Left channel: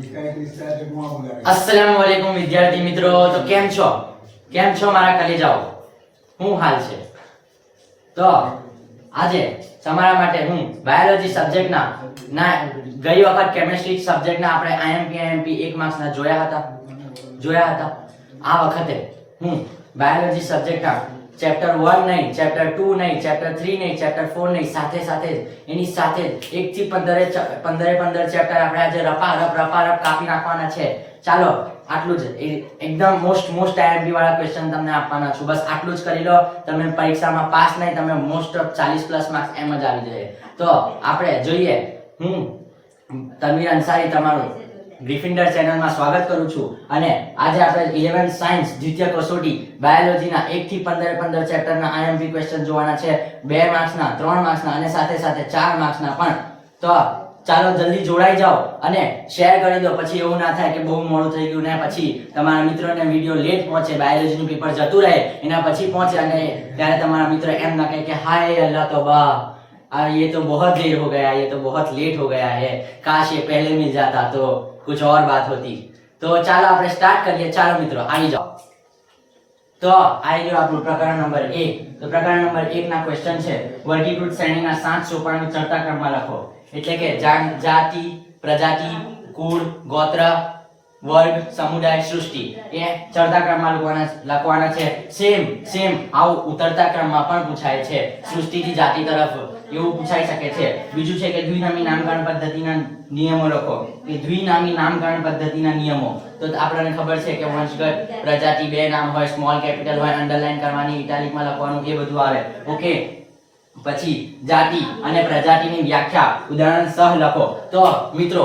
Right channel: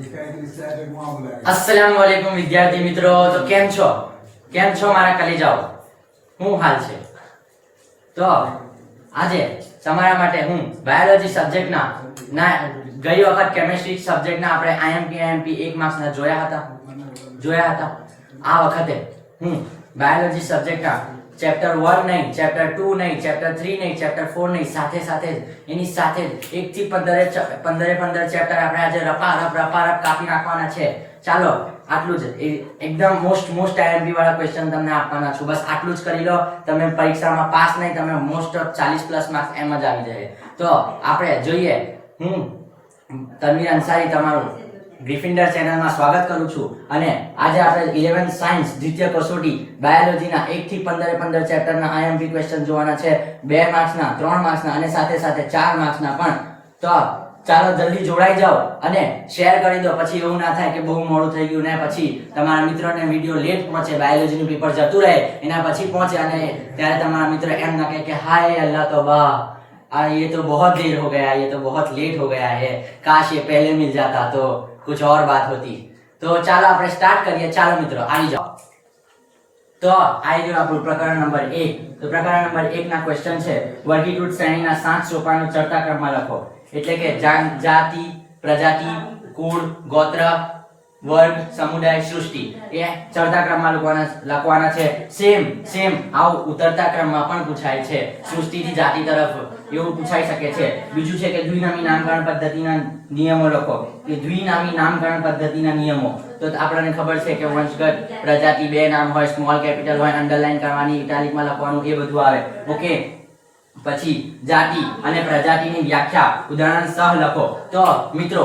अस्सलाम वालेकुम विद्यार्थी मित्रों, तो केम છો મારા કલેજાઓ, હું હાલ છે? તો આજે તમારા માટે હું બાયોલોજી સબ્જેક્ટના ગઈ વખત કેમિસ્ટ્રી સબ્જેક્ટના આપણે આઈએમપી 1 માર્ક્સના જોયા હતા. આ વખતે હું બાયોલોજી સબ્જેક્ટના ચેપ્ટર 1 નહીં, ચેપ્ટર 2 નહીં, ચેપ્ટર 3 નહીં, ચેપ્ટર 4 નહીં, સાથે એની સાથે 1 થી 15 ચેપ્ટર આપણે આજે રપારપ કાપી નાખવાના છે. ચાલો આટલું જ, એકદમ મોસ્ટ આઈએમપી વાળા ક્વેશ્ચન તમને આપવાના છું. બસ આટલું જ કરી લો, તમે પરીક્ષામાં પાસ નહીં, તમે મોસ્ટ ઓફ 40+ માર્ક્સ એમ જ આવી જાય. તો આપણે જોઈએ. હું તનવીર અંસારી તમારું ગ્રીફિન્ડર ચેનલમાં સ્વાગત કરું છું. અને આજે આપણે 11 સાયન્સ દ્વિતીય કસોટી બાયોલોજીના 1 થી 15 ચેપ્ટરના આઈએમપી ક્વેશ્ચન જોવાના છે. 2 માર્ક્સના, 3 માર્ક્સના અને સાથે 4 માર્ક્સના પણ. તો ચાલો જલ્દી જોડાઈ જાઓ અને શેર કરી દો. પછી એવું ના થાય કે બહુ મોડું થઈ ગયું ને પછી તમારા મિત્રોને વિડિયો લેટ પહોંચે, બાયોલોજીનું પેપર જતું રહે એના પછી પહોંચે અને ત્યારે તમારા મિત્રો એમ ના કહે કે હાય અલ્લાહ તૌબા, ये तो बहुत देर हो गया, ये तो बहुत लेट हो गया है, काश ये पहले मिल जाता तो कुछ और बात होती. तो ચાલો આપણે સ્ટાર્ટ કરીએ. ચાલો મિત્રો આવી જાઓ. તો આવી ગયો આપણું પ્રકરણ નંબર 1. તો પ્રકરણ નંબર 1 ના ક્વેશ્ચન છે, વર્ગીકૃત શ્રેણીના 7 સોપાનો ચડતા ક્રમમાં લખો. એટલે કે જાતિ, પ્રજાતિ, કુળ, ગોત્ર, વર્ગ, સમુદાય, સૃષ્ટિ એ ચડતા ક્રમમાં લખવાના છે. સેમ આવું ઉતરતા ક્રમમાં પણ પૂછાય છે. સૃષ્ટિથી જાતિ તરફ એવું પૂછાઈ શકે છે. બીજું છે કે દ્વિનામી નામકરણ પદ્ધતિના નિયમો લખો. કે દ્વિનામી નામકરણ પદ્ધતિના નિયમો તો આપણને ખબર છે કે વંશગત, પ્રજાતિ, 2 નામ હોય, સ્મોલ કેપિટલ હોય, અંડરલાઈન કરવાની, ઇટાલિકમાં લખવાનું, એ બધું આવે. ઓકે. પછી જાતિ અને પ્રજાતિની વ્યાખ્યા ઉદાહરણ સહ લખો. તો મિત્રો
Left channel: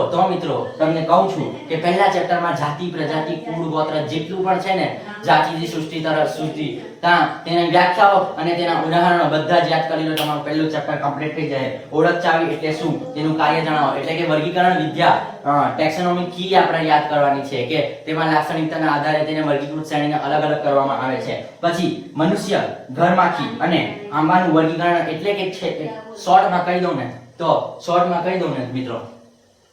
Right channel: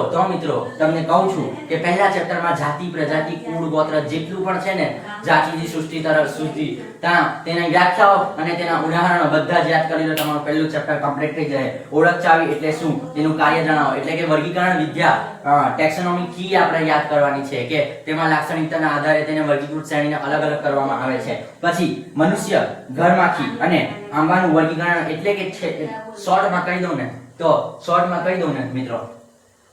તમને કહું છું કે પહેલા ચેપ્ટરમાં જાતિ, પ્રજાતિ, કુળ, ગોત્ર જેટલું પણ છે ને, જાતિથી સૃષ્ટિ તરફ સૃષ્ટિ, તેના વ્યાખ્યાઓ અને તેના ઉદાહરણો બધા જ યાદ કરી લો. તમારું પહેલું ચેપ્ટર કમ્પ્લીટ થઈ જાય. ઓળખ ચાવી એટલે શું, તેનું કાર્ય જણાવો. એટલે કે વર્ગીકરણ વિદ્યા, ટેક્સોનોમી કી આપણે યાદ કરવાની છે કે તેમાં લાક્ષણિકતાના આધારે તેને વર્ગીકૃત શ્રેણીને અલગ કરવામાં આવે છે. પછી મનુષ્ય, ઘરમાખી અને આંબાનું વર્ગીકરણ એટલે કે શોર્ટમાં કહી દઉં ને મિત્રો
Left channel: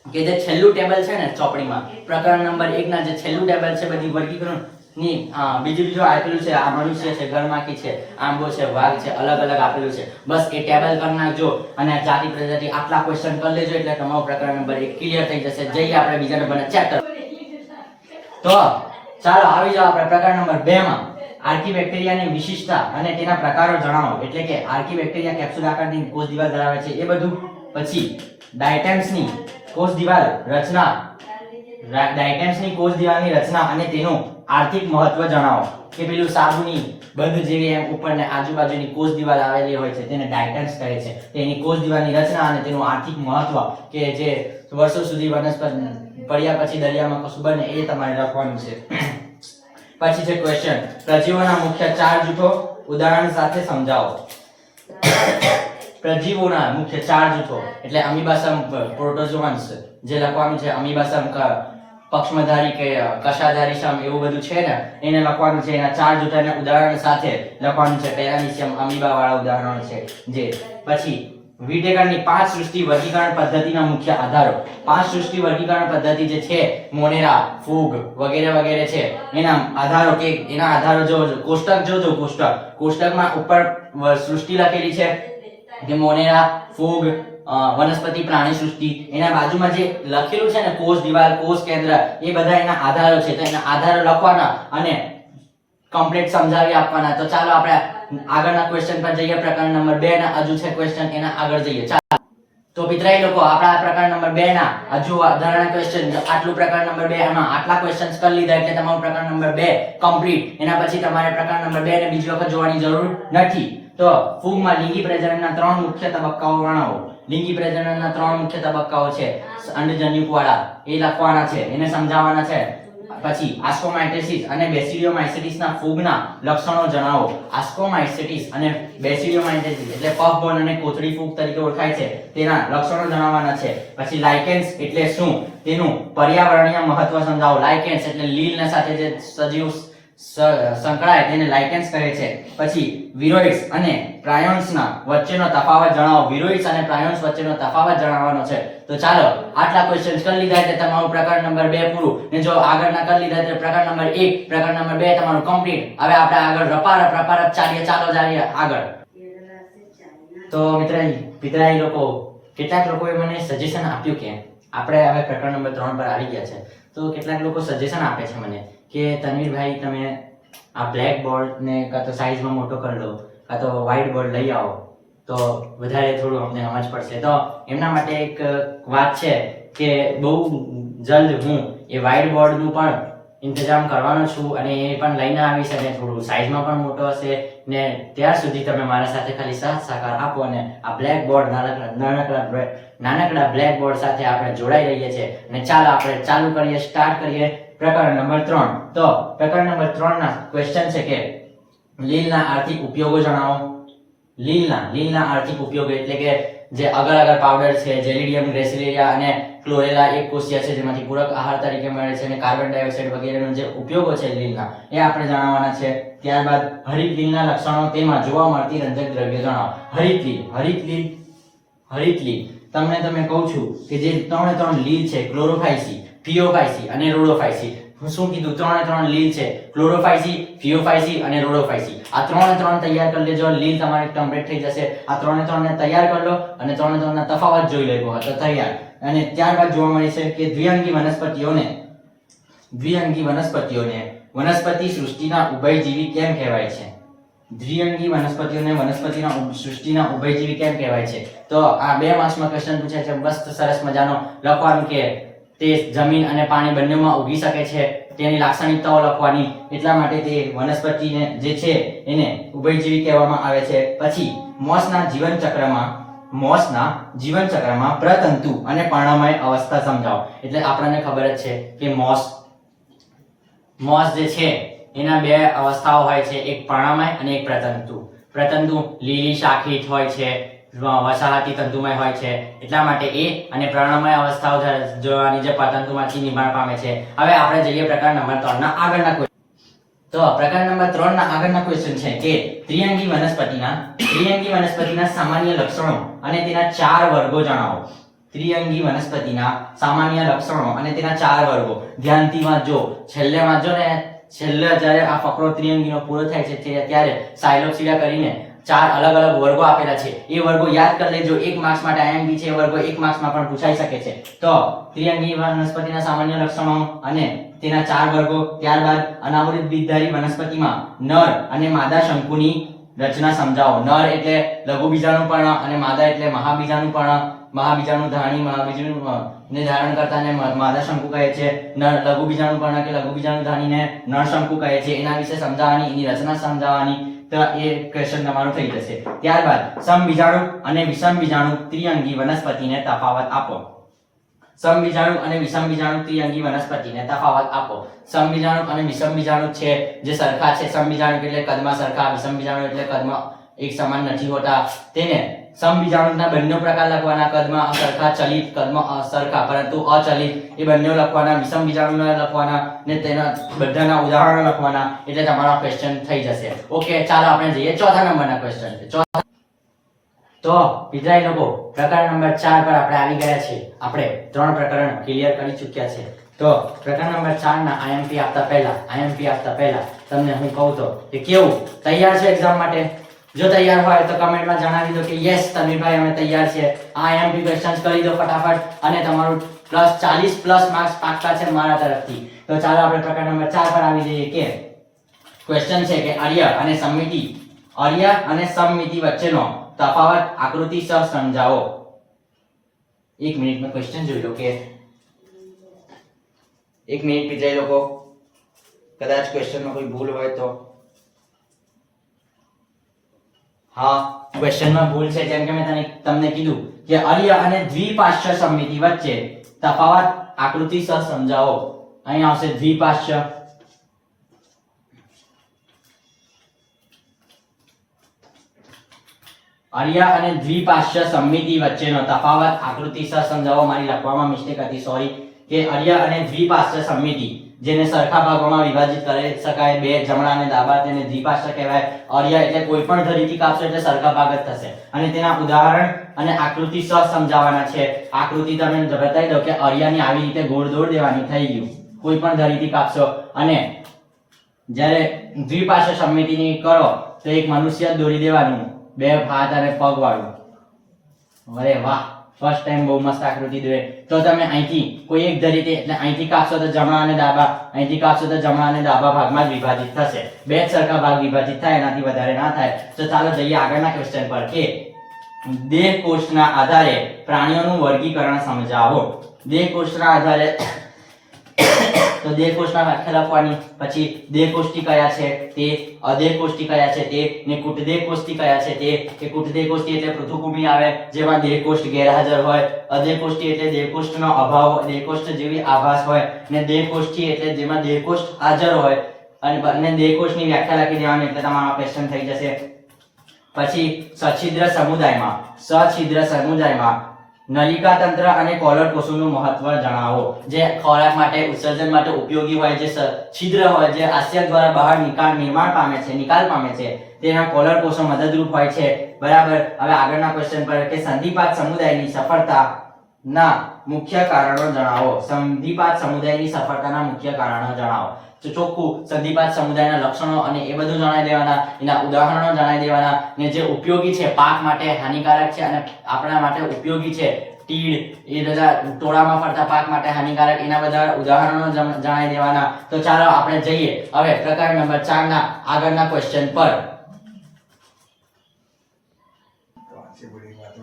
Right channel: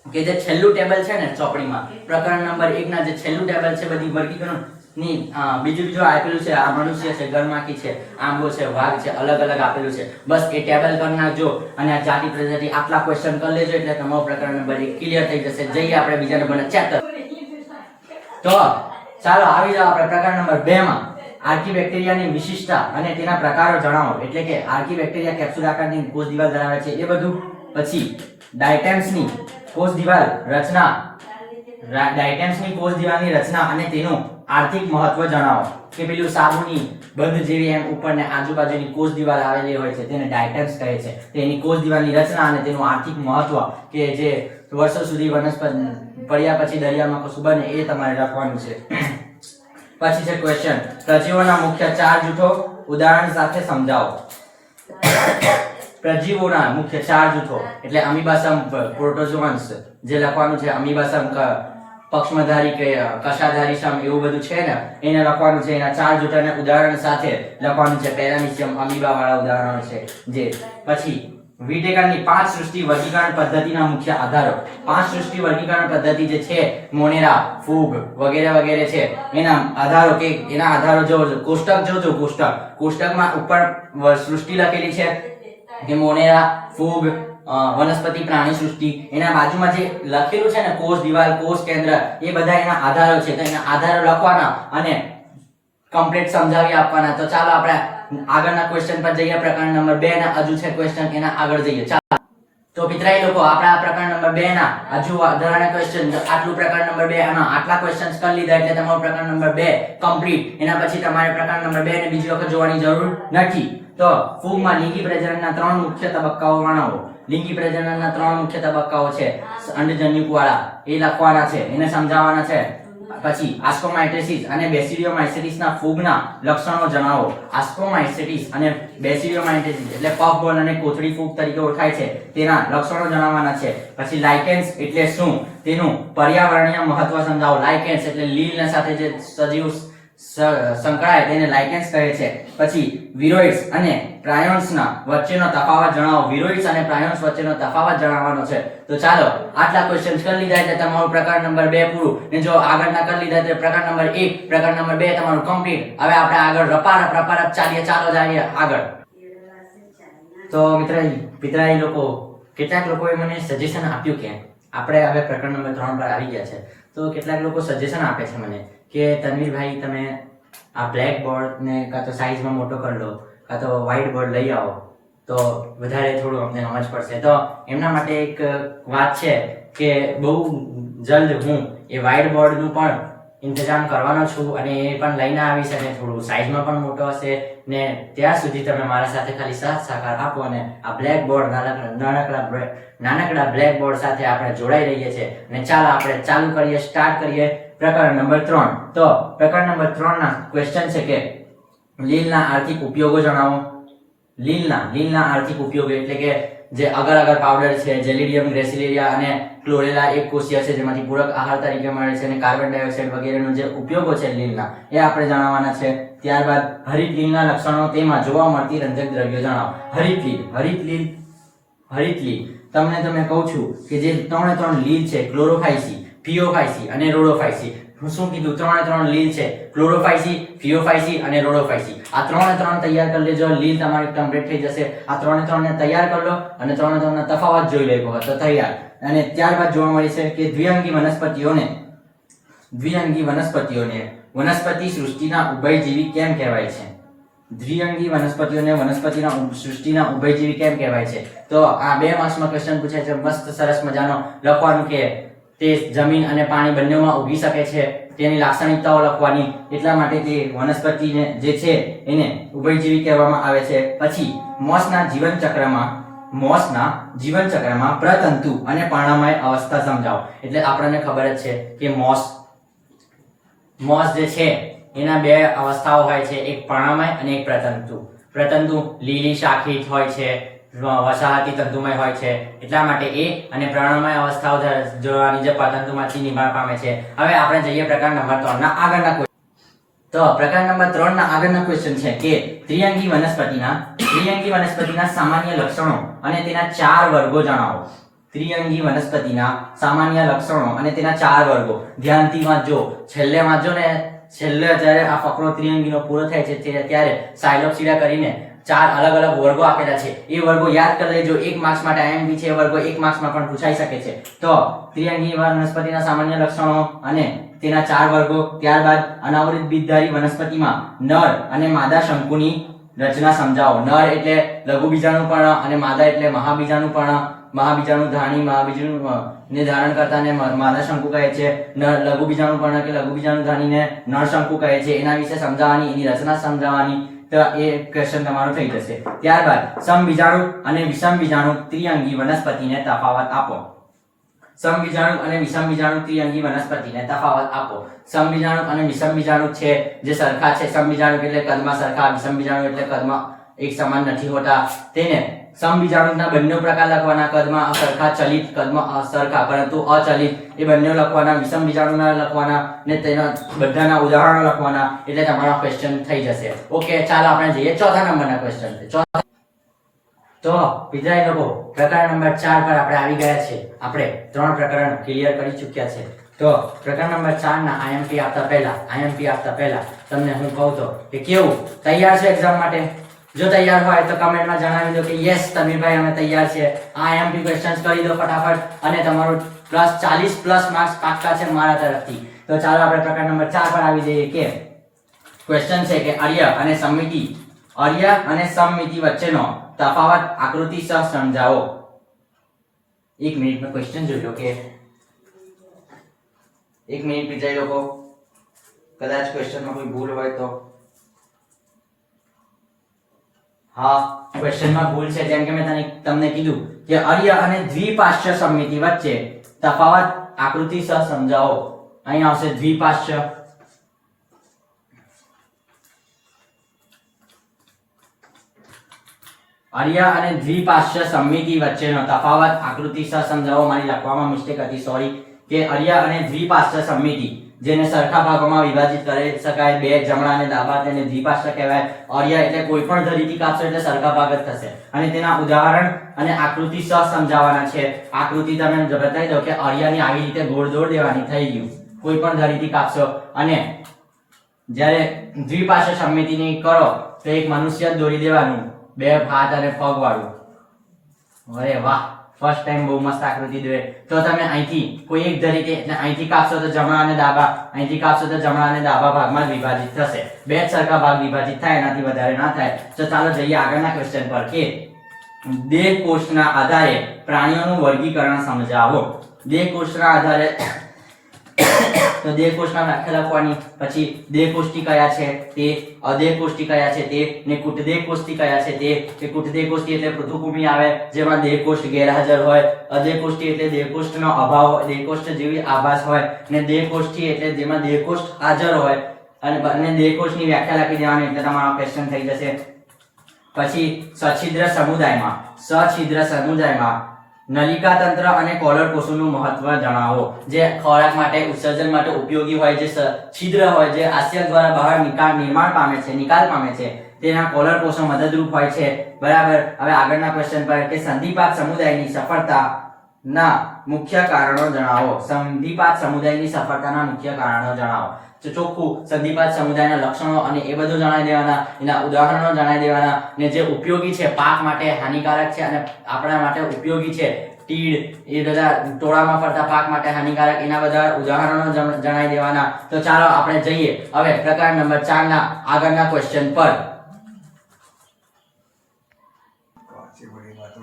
કે જે છેલ્લું ટેબલ છે ને ચોપડીમાં, પ્રકરણ નંબર 1 ના જે છેલ્લું ટેબલ છે બધી વર્ગીકરણ ની બીજું આપેલું છે. આ મનુષ્ય છે, ઘરમાખી છે, આંબો છે, વાઘ છે, અલગ આપેલું છે. બસ એ ટેબલ કરી નાખજો અને આ જાતિ, પ્રજાતિ આટલા ક્વેશ્ચન કરી લેજો એટલે તમારો પ્રકરણ નંબર 1 ક્લિયર થઈ જશે. જઈએ આપણે બીજા નંબરના ચેપ્ટર. તો ચાલો આવી જાઓ આપણે પ્રકરણ નંબર 2 માં. આર્કીબેક્ટેરિયાની વિશિષ્ટતા અને તેના પ્રકારો જણાવો. એટલે કે આર્કીબેક્ટેરિયા કેપ્સ્યુલ આકારની કોષ દિવાલ ધરાવે છે એ બધું. પછી ડાયટેમ્સની કોષ દિવાલ રચના, ડાયટેમ્સની કોષ દિવાલની રચના અને તેનું આર્થિક મહત્વ જણાવો. કે પેલું સાબુની બંધ જેવી એમ ઉપરને આજુબાજુની કોષ દિવાલ આવેલી હોય છે તેને ડાયટેમ્સ કહે છે. તેની કોષ દિવાલની રચના અને તેનું આર્થિક મહત્વ કે જે વર્ષો સુધી વનસ્પતિ પડ્યા પછી દરિયામાં કશું બને એ તમારે લખવાનું છે. પછી છે ક્વેશ્ચન, પ્રજીવોના મુખ્ય 4 જૂથો ઉદાહરણ સાથે સમજાવો. પ્રજીવોના મુખ્ય 4 જૂથો એટલે અમીબાસમ, પ્રોટોઝોઅન્સ જે લખવાનું છે, અમીબાસમ, પક્ષમધારી કે કશાધારી સમ એવું બધું છે ને એને લખવાનું છે. એના 4 જૂથોને ઉદાહરણ સાથે લખવાનું છે. પેરામીશિયમ, અમીબા વાળા ઉદાહરણો છે જે. પછી વિટેકરની 5 સૃષ્ટિ વર્ગીકરણ પદ્ધતિના મુખ્ય આધારો. 5 સૃષ્ટિ વર્ગીકરણ પદ્ધતિ જે છે, મોનેરા, ફૂગ વગેરે છે, એના આધારો જોજો. કોષ્ટક જોજો. કોષ્ટકમાં ઉપર સૃષ્ટિ લખેલી છે કે મોનેરા, ફૂગ, વનસ્પતિ, પ્રાણી સૃષ્ટિ. એના બાજુમાં જે લખેલું છે ને કોષ દિવાલ, કોષ કેન્દ્ર, એ બધા એના આધારો છે. તો એના આધારો લખવાના અને કમ્પ્લીટ સમજાવી આપવાના. તો ચાલો આપણે આગળના ક્વેશ્ચન પર જઈએ. પ્રકરણ નંબર 2 ના હજુ છે ક્વેશ્ચન, એના આગળ જઈએ. ચાલો તો પિતરાઈ લોકો આપણે આ પ્રકરણ નંબર 2 ના હજુ વધારાના ક્વેશ્ચન, આટલું પ્રકરણ નંબર 2 માં આટલા ક્વેશ્ચન્સ કરી લીધા એટલે તમારું પ્રકરણ નંબર 2 કમ્પ્લીટ. એના પછી તમારે પ્રકરણ નંબર 2 ને બીજી વખત જોવાની જરૂર નથી. તો ફૂગમાં લિંગી પ્રજનનના 3 મુખ્ય તબક્કાઓ વર્ણવો. લિંગી પ્રજનનના 3 મુખ્ય તબક્કાઓ છે, અંડજન્યુક વાળા, એ લખવાના છે, એને સમજાવવાના છે. પછી આસ્કોમાઇટેસિસ અને બેસિડિયોમાઇસેટિસના ફૂગના લક્ષણો જણાવો. આસ્કોમાઇસેટિસ અને બેસિડિયોમાઇસેટિસ એટલે પફબોલ અને કોથળી ફૂગ તરીકે ઓળખાય છે, તેના લક્ષણો જણાવવાના છે. પછી લાઇકેન્સ એટલે શું, તેનું પર્યાવરણીય મહત્વ સમજાવો. લાઇકેન્સ એટલે લીલના સાથે જે સજીવ સંકળાય તેને લાઇકેન્સ કહે છે. પછી વિરોઇડ્સ અને પ્રાયોન્સના વચ્ચેનો તફાવત જણાવો. વિરોઇડ્સ અને પ્રાયોન્સ વચ્ચેનો તફાવત જણાવવાનો છે. તો ચાલો આટલા ક્વેશ્ચન્સ કરી લીધા એટલે તમારું પ્રકરણ નંબર 2 પૂરું. ને જો આગળના કરી લીધા એટલે પ્રકરણ નંબર 1 પ્રકરણ નંબર 2 તમારું કમ્પ્લીટ. હવે આપણે આગળ રપારપ ચાલીએ. ચાલો જઈએ આગળ. તો મિત્રાઈ લોકો કેટલાક લોકોએ મને સજેશન આપ્યું કે આપણે હવે પ્રકરણ નંબર 3 પર આવી ગયા છે. તો કેટલાક લોકો સજેશન આપે છે મને કે તનવીરભાઈ તમે આ બ્લેક બોર્ડ ને કાં તો સાઈઝમાં મોટો કરી લો કાં તો વ્હાઇટ બોર્ડ લઈ આવો તો વધારે થોડું અમને સમજ પડશે. તો એમના માટે એક વાત છે કે બહુ જલ્દ હું એ વ્હાઇટ બોર્ડનું પણ ઇંતજામ કરવાનો છું અને એ પણ લઈને આવીશ અને થોડું સાઈઝમાં પણ મોટો હશે ને ત્યાર સુધી તમે મારા સાથે ખાલી સાથ સહકાર આપો અને આ બ્લેક બોર્ડ નાનકડા બ્લેક બોર્ડ સાથે આપણે જોડાઈ રહીએ છીએ. અને ચાલો આપણે ચાલુ કરીએ, સ્ટાર્ટ કરીએ પ્રકરણ નંબર 3. તો પ્રકરણ નંબર 3 ના ક્વેશ્ચન છે કે લીલના આર્થિક ઉપયોગો જણાવો. લીલના આર્થિક ઉપયોગો એટલે કે જે અગર અગર પાવડર છે, જેલિડિયમ, ગ્રેસિલેરિયા અને ક્લોરેલા એક કોષીય છે જેમાંથી પૂરક આહાર તરીકે મળે છે અને કાર્બન ડાયોક્સાઇડ વગેરેનો જે ઉપયોગો છે લીલના એ આપણે જાણવાના છે. ત્યારબાદ હરિત લીલના લક્ષણો, તેમાં જોવા મળતી રંજક દ્રવ્યો જણાવો. હરિત લીલ તમને કહું છું કે જે 3 લીલ છે, ક્લોરોફાઇસી, ફિયોફાઇસી અને રોડોફાઇસી. હું શું કીધું? 3 લીલ છે, ક્લોરોફાઇસી, ફિયોફાઇસી અને રોડોફાઇસી. આ 3 તૈયાર કરી લેજો. લીલ તમારી કમ્પ્લીટ થઈ જશે. આ 3 ને તૈયાર કરી લો અને 3 ના તફાવત જોઈ લેવો તો તૈયાર. અને ત્યારબાદ જોવા મળે છે કે દ્વિઅંગી વનસ્પતિઓને વનસ્પતિ સૃષ્ટિના ઉભયજીવી કેમ કહેવાય છે? દ્વિઅંગી વનસ્પતિઓને વનસ્પતિના સૃષ્ટિના ઉભયજીવી કેમ કહેવાય છે? તો આ 2 માર્ક્સમાં ક્વેશ્ચન પૂછાય છે. મસ્ત સરસ મજાનો લખવાનું કે તે જમીન અને પાણી બંનેમાં ઉગી શકે છે, તેની લાક્ષણિકતાઓ લખવાની. એટલા માટે તે વનસ્પતિને જે છે એને ઉભયજીવી કહેવામાં આવે છે. પછી મોસના જીવન ચક્રમાં પ્રતંતુ અને પર્ણમય અવસ્થા સમજાવો. એટલે આપણને ખબર જ છે કે મોસ જે છે એના 2 અવસ્થાઓ હોય છે, એક પર્ણમય અને એક પ્રતંતુ. પ્રતંતુ લીલી શાખિત હોય છે, વસાહતી તંતુમય હોય છે, એટલા માટે એ અને પર્ણમય અવસ્થાઓ જોવાની જે પ્રતંતુમાંથી નિર્માણ પામે છે. હવે આપણે જઈએ પ્રકરણ નંબર 3 ના આગળના ક્વેશ્ચન. તો પ્રકરણ નંબર 3 ના આગળના ક્વેશ્ચન છે કે ત્રિઅંગી વનસ્પતિના સામાન્ય લક્ષણો અને તેના 4 વર્ગો જણાવો. ત્રિઅંગી વનસ્પતિના સામાન્ય લક્ષણો અને તેના 4 વર્ગો. ધ્યાનથી વાંચજો, છેલ્લે જ્યારે આ ફકરો ત્રિઅંગીનો પૂરો થાય છે ત્યારે સાયલોપ્સિડા કરીને 4 અલગ અલગ વર્ગો આપેલા છે. એ વર્ગો યાદ કરી લેજો. 1 માર્ક્સ માટે IMP છે. એ વર્ગો 1 માર્ક્સમાં પણ પૂછાઈ શકે છે. તો ત્રિઅંગી વનસ્પતિના સામાન્ય લક્ષણો અને તેના 4 વર્ગો. ત્યારબાદ અનાવૃત બીજધારી વનસ્પતિમાં નર અને માદા શંકુની રચના સમજાવો. નર એટલે લઘુ બીજાણુપર્ણ અને માદા એટલે મહાબીજાણુપર્ણ. મહાબીજાણુધારી ને ધારણ કરતાને માદા શંકુ કહે છે. લઘુ બીજાણુપર્ણ કે લઘુ બીજાણુધારીને નર શંકુ કહે છે. એના વિશે સમજાવવાની, એની રચના સમજાવવાની. તો એ ક્વેશ્ચન તમારો થઈ જશે. ત્યારબાદ સમબીજાણુ અને વિષમબીજાણુ ત્રિઅંગી વનસ્પતિને તફાવત આપો. સમબીજાણુ અને વિષમબીજાણુ ત્રિઅંગી વનસ્પતિને તફાવત આપો. સમબીજાણુ અને વિષમબીજાણુ છે જે સરખા છે. સમબીજાણુ એટલે કદમાં સરખા, વિષમબીજાણુ એટલે કદમાં એક સમાન નથી હોતા. તેને સમબીજાણુના બંને પ્રકાર લખવાના. કદમાં અસરખા, ચલિત, કદમાં અસરખા પરંતુ અચલિત, એ બંને લખવાના. વિષમબીજાણુના લખવાના ને તેના બધાના ઉદાહરણો લખવાના. એટલે તમારો ક્વેશ્ચન થઈ જશે. ઓકે, ચાલો આપણે જઈએ 4થા નંબરના ક્વેશ્ચન पे. તો વિદ્યાર્થી લોકો પ્રકરણ નંબર 4 પર આપણે આવી ગયા છે. આપણે 3 પ્રકરણ ક્લિયર કરી ચૂક્યા છે. તો પ્રકરણ નંબર 4 ના IMP આપતા પહેલા તમને હું કહું તો કે કેવું તૈયાર છે એક્ઝામ માટે? જો તૈયાર હોય તો કમેન્ટમાં જણાવી દો કે યસ તનવીરભાઈ અમે તૈયાર છે. આ IMP ક્વેશ્ચન્સ કરી દો ફટાફટ અને તમારું +40+ માર્ક્સ પાક્કા છે મારા તરફથી. તો ચાલો આપણે પ્રકરણ નંબર 4 પર આવી જઈએ કે ક્વેશ્ચન છે કે અર્ય અને સમમિતિ વચ્ચેનો તફાવત આકૃતિસર સમજાવો. 1 મિનિટનો ક્વેશ્ચન જોઈ લો કે 1 મિનિટ વિચારી લોકો, કદાચ ક્વેશ્ચનમાં કોઈ ભૂલ હોય તો. હા, ક્વેશ્ચનમાં ભૂલ છે. જેમ કે મેં તમને કીધું કે અર્ય અને દ્વિપાર્શ્વ સમમિતિ વચ્ચે તફાવત આકૃતિસર સમજાવો. અહીં આવશે દ્વિપાર્શ્વ. અર્ય અને દ્વિપાર્શ્વ સમમિતિ વચ્ચેનો તફાવત આકૃતિસર સમજાવો. મારી લખવામાં મિસ્ટેક હતી, સોરી. કે અર્ય અને દ્વિપાર્શ્વ સમમિતિ. જેને સરખા ભાગોમાં વિભાજિત કરી શકાય, બે જમણા અને ડાબા, તેને દ્વિપાર્શ્વ કહેવાય. અર્ય એટલે કોઈ પણ ધરીથી કાપશો એટલે સરખા ભાગ જ થશે. અને તેના ઉદાહરણ અને આકૃતિ સહ સમજાવવાના છે. આકૃતિ તમે બતાવી દો કે અર્યાની આવી રીતે ગોળ દોર દેવાની, થઈ ગયું. કોઈ પણ ધરીથી કાપશો. અને જ્યારે દ્વિપાર્શ્વ સમમિતિની કરો તો એક મનુષ્ય જ દોરી દેવાનું, બે હાથ અને પગ વાળું. અરે વાહ, ફર્સ્ટ ટાઈમ બહુ મસ્ત આકૃતિ દોરે. તો તમે અહીંથી કોઈ એક ધરીથી એટલે અહીંથી કાપશો તો જમણા અને ડાબા, અહીંથી કાપશો તો જમણા અને ડાબા ભાગમાં જ વિભાજિત થશે. બે જ સરખા ભાગ વિભાજિત થાય, એનાથી વધારે ના થાય. તો ચાલો જઈએ આગળના ક્વેશ્ચન પર કે દેહકોષ્ઠના આધારે પ્રાણીઓનું વર્ગીકરણ સમજાવો. દેહકોષ્ઠના આધારે તો દેહકોષ્ઠના વ્યાખ્યા લખવાની, પછી દેહકોષ્ઠી કયા છે તે, અદેહકોષ્ઠી કયા છે તે, ને કૂટદેહકોષ્ઠી કયા છે તે. કે કૂટદેહકોષ્ઠી એટલે પૃથુકૃમિ આવે જેમાં દેહકોષ્ઠ ગેરહાજર હોય. અદેહકોષ્ઠી એટલે દેહકોષ્ઠનો અભાવ હોય, દેહકોષ્ઠ જેવી આભાસ હોય. ને દેહકોષ્ઠી એટલે જેમાં દેહકોષ્ઠ હાજર હોય. અને બંને દેહકોષ્ઠની વ્યાખ્યા લખી દેવાની એટલે તમારો ક્વેશ્ચન થઈ જશે. પછી સછિદ્ર સમુદાયમાં નલિકા તંત્ર અને કોલર કોષોનું મહત્વ જણાવો. જે ખોરાક માટે ઉત્સર્જન માટે ઉપયોગી હોય, જે છિદ્ર હોય, જે આસ્યક દ્વારા બહાર નિર્માણ પામે છે, નિકાલ પામે છે, તેના કોલર કોષો મદદરૂપ હોય છે. બરાબર. હવે આગળના ક્વેશ્ચન પર કે સંધિપાત સમુદાયની સફળતાના મુખ્ય કારણો જણાવો. સંધિપાત સમુદાયની સફળતાના મુખ્ય કારણો જણાવો. તો ચોખ્ખું સંધિપાત સમુદાયના લક્ષણો અને એ બધું જણાવી દેવાના, એના ઉદાહરણો જણાવી દેવાના, ને જે ઉપયોગી છે, પાક માટે હાનિકારક છે અને આપણા માટે ઉપયોગી છે, તીડ એ બધા ટોળામાં ફરતા પાક માટે હાનિકારક, એના બધા ઉદાહરણો જણાવી દેવાના. તો ચાલો આપણે જઈએ હવે પ્રકાર નંબર 4 ના આગળના ક્વેશ્ચન પર.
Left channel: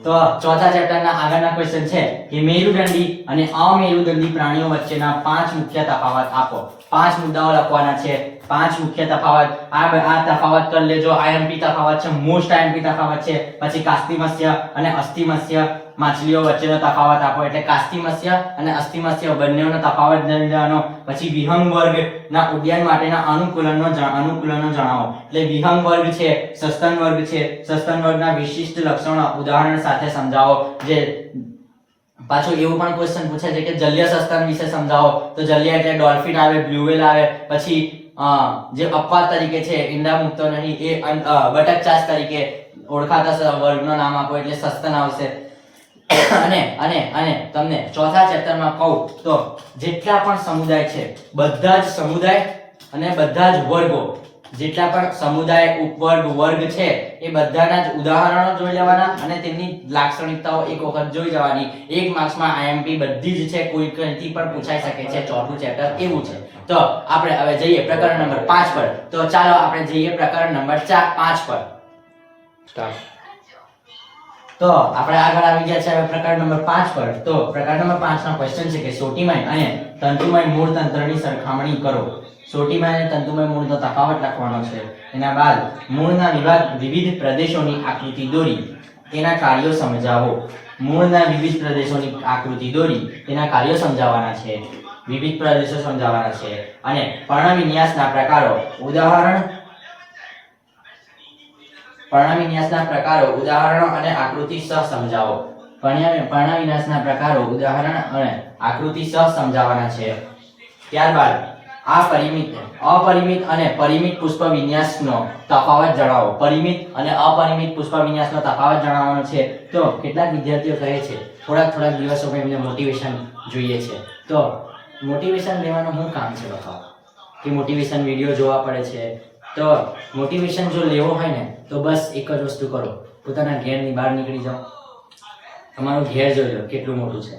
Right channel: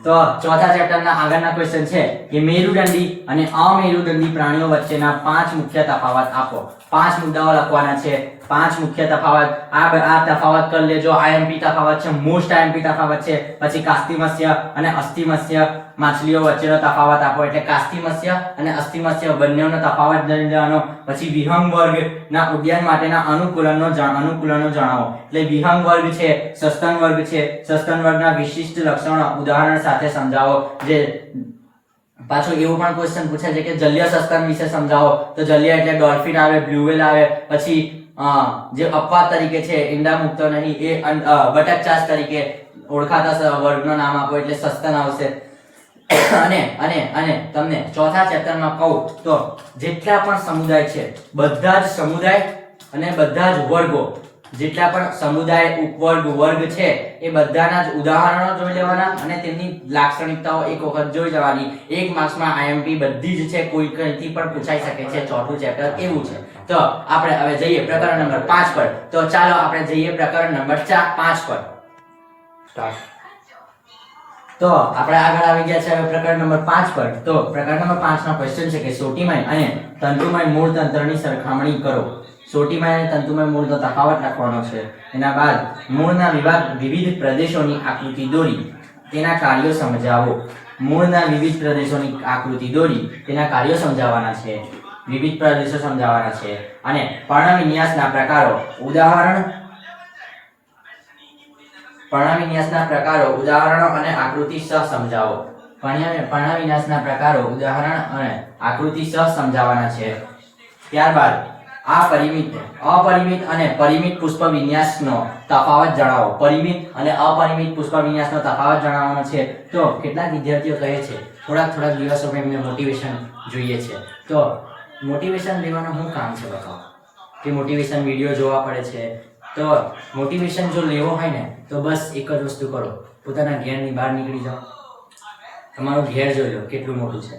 તો ચોથા ચેપ્ટરના આગળના ક્વેશ્ચન છે કે મેરુદંડી અને અમેરુદંડી પ્રાણીઓ વચ્ચેના 5 મુખ્ય તફાવત આપો. 5 મુદ્દાઓ લખવાના છે. 5 મુખ્ય તફાવત. આ તફાવત કરી લેજો. આઈએમપી તફાવત છે, મોસ્ટ આઈએમપી તફાવત છે. પછી કાસ્તિમત્સ્ય અને અસ્થિમત્સ્ય માછલીઓ વચ્ચેનો તફાવત આપો. એટલે કાસ્તિમત્સ્ય અને અસ્થિમત્સ્ય બંનેનો તફાવત જાણવાનો. પછી વિહંગ વર્ગના ઉદ્યાન માટેના અનુકૂલનો જણાવો. એટલે વિહંગ વર્ગ છે, સસ્તન વર્ગ છે, સસ્તન વર્ગના વિશિષ્ટ લક્ષણો ઉદાહરણ સાથે સમજાવો. જે પાછું એવું પણ ક્વેશ્ચન પૂછે છે કે જલીય સસ્તન વિશે સમજાવો. તો જલીય એટલે ડોલ્ફિન આવે, બ્લુ વ્હેલ આવે. પછી જે અપવાદ તરીકે છે, ઈંડા મૂકતો નહીં, એ બટકચાસ તરીકે ઓળખાતા વર્ગનું નામ આપો એટલે સસ્તન આવશે. અને તમને ચોથા ચેપ્ટરમાં કહું તો જેટલા પણ સમુદાય છે, બધા જ સમુદાય અને બધા જ વર્ગો, જેટલા પણ સમુદાય, ઉપવર્ગ, વર્ગ છે, એ બધાના જ ઉદાહરણો જોઈ લેવાના અને તેમની લાક્ષણિકતાઓ એક વખત જોઈ જવાની. 1 માર્ક્સમાં આઈએમપી બધી જ છે, કોઈ કઈથી પણ પૂછાઈ શકે છે. ચોથું ચેપ્ટર એવું છે. તો આપણે હવે જઈએ પ્રકરણ નંબર 5 પર. તો ચાલો આપણે જઈએ પ્રકરણ નંબર 5 પર. સ્ટાર્ટ. તો આપણે આગળ આવી ગયા છે હવે પ્રકરણ નંબર 5 પર. તો પ્રકરણ નંબર 5 નો ક્વેશ્ચન છે કે સોટીમય અને તંતુમય મૂળ તંત્રની સરખામણી કરો. સોટીમય અને તંતુમય મૂળનો તફાવત લખવાનો છે. એના બાદ મૂળના વિવિધ પ્રદેશોની આકૃતિ દોરી તેના કાર્યો સમજાવો. મૂળના વિવિધ પ્રદેશોની આકૃતિ દોરી તેના કાર્યો સમજાવવાના છે. વિવિધ પ્રદેશો સમજાવવાના છે. અને પર્ણવિન્યાસના પ્રકારો, ઉદાહરણો અને આકૃતિ સહ સમજાવો. પર્ણવિન્યાસના પ્રકારો, ઉદાહરણ અને આકૃતિ સહ સમજાવવાના છે. ત્યારબાદ અપરિમિત અને પરિમિત પુષ્પ વિન્યાસનો તફાવત જણાવો. પરિમિત અને અપરિમિત પુષ્પ વિન્યાસનો તફાવત જણાવવાનો છે. તો કેટલાક વિદ્યાર્થીઓ કહે છે થોડાક દિવસોમાં એમને મોટિવેશન જોઈએ છે. તો મોટિવેશન લેવાનું શું કામ છે બતાવો? કે મોટિવેશન વિડીયો જોવા પડે છે. તો મોટિવેશન જો લેવો હોય ને તો બસ એક જ વસ્તુ કરો, પોતાના ઘેરની બહાર નીકળી જાઓ. તમારું ઘેર જોઈ લો કેટલું મોટું છે.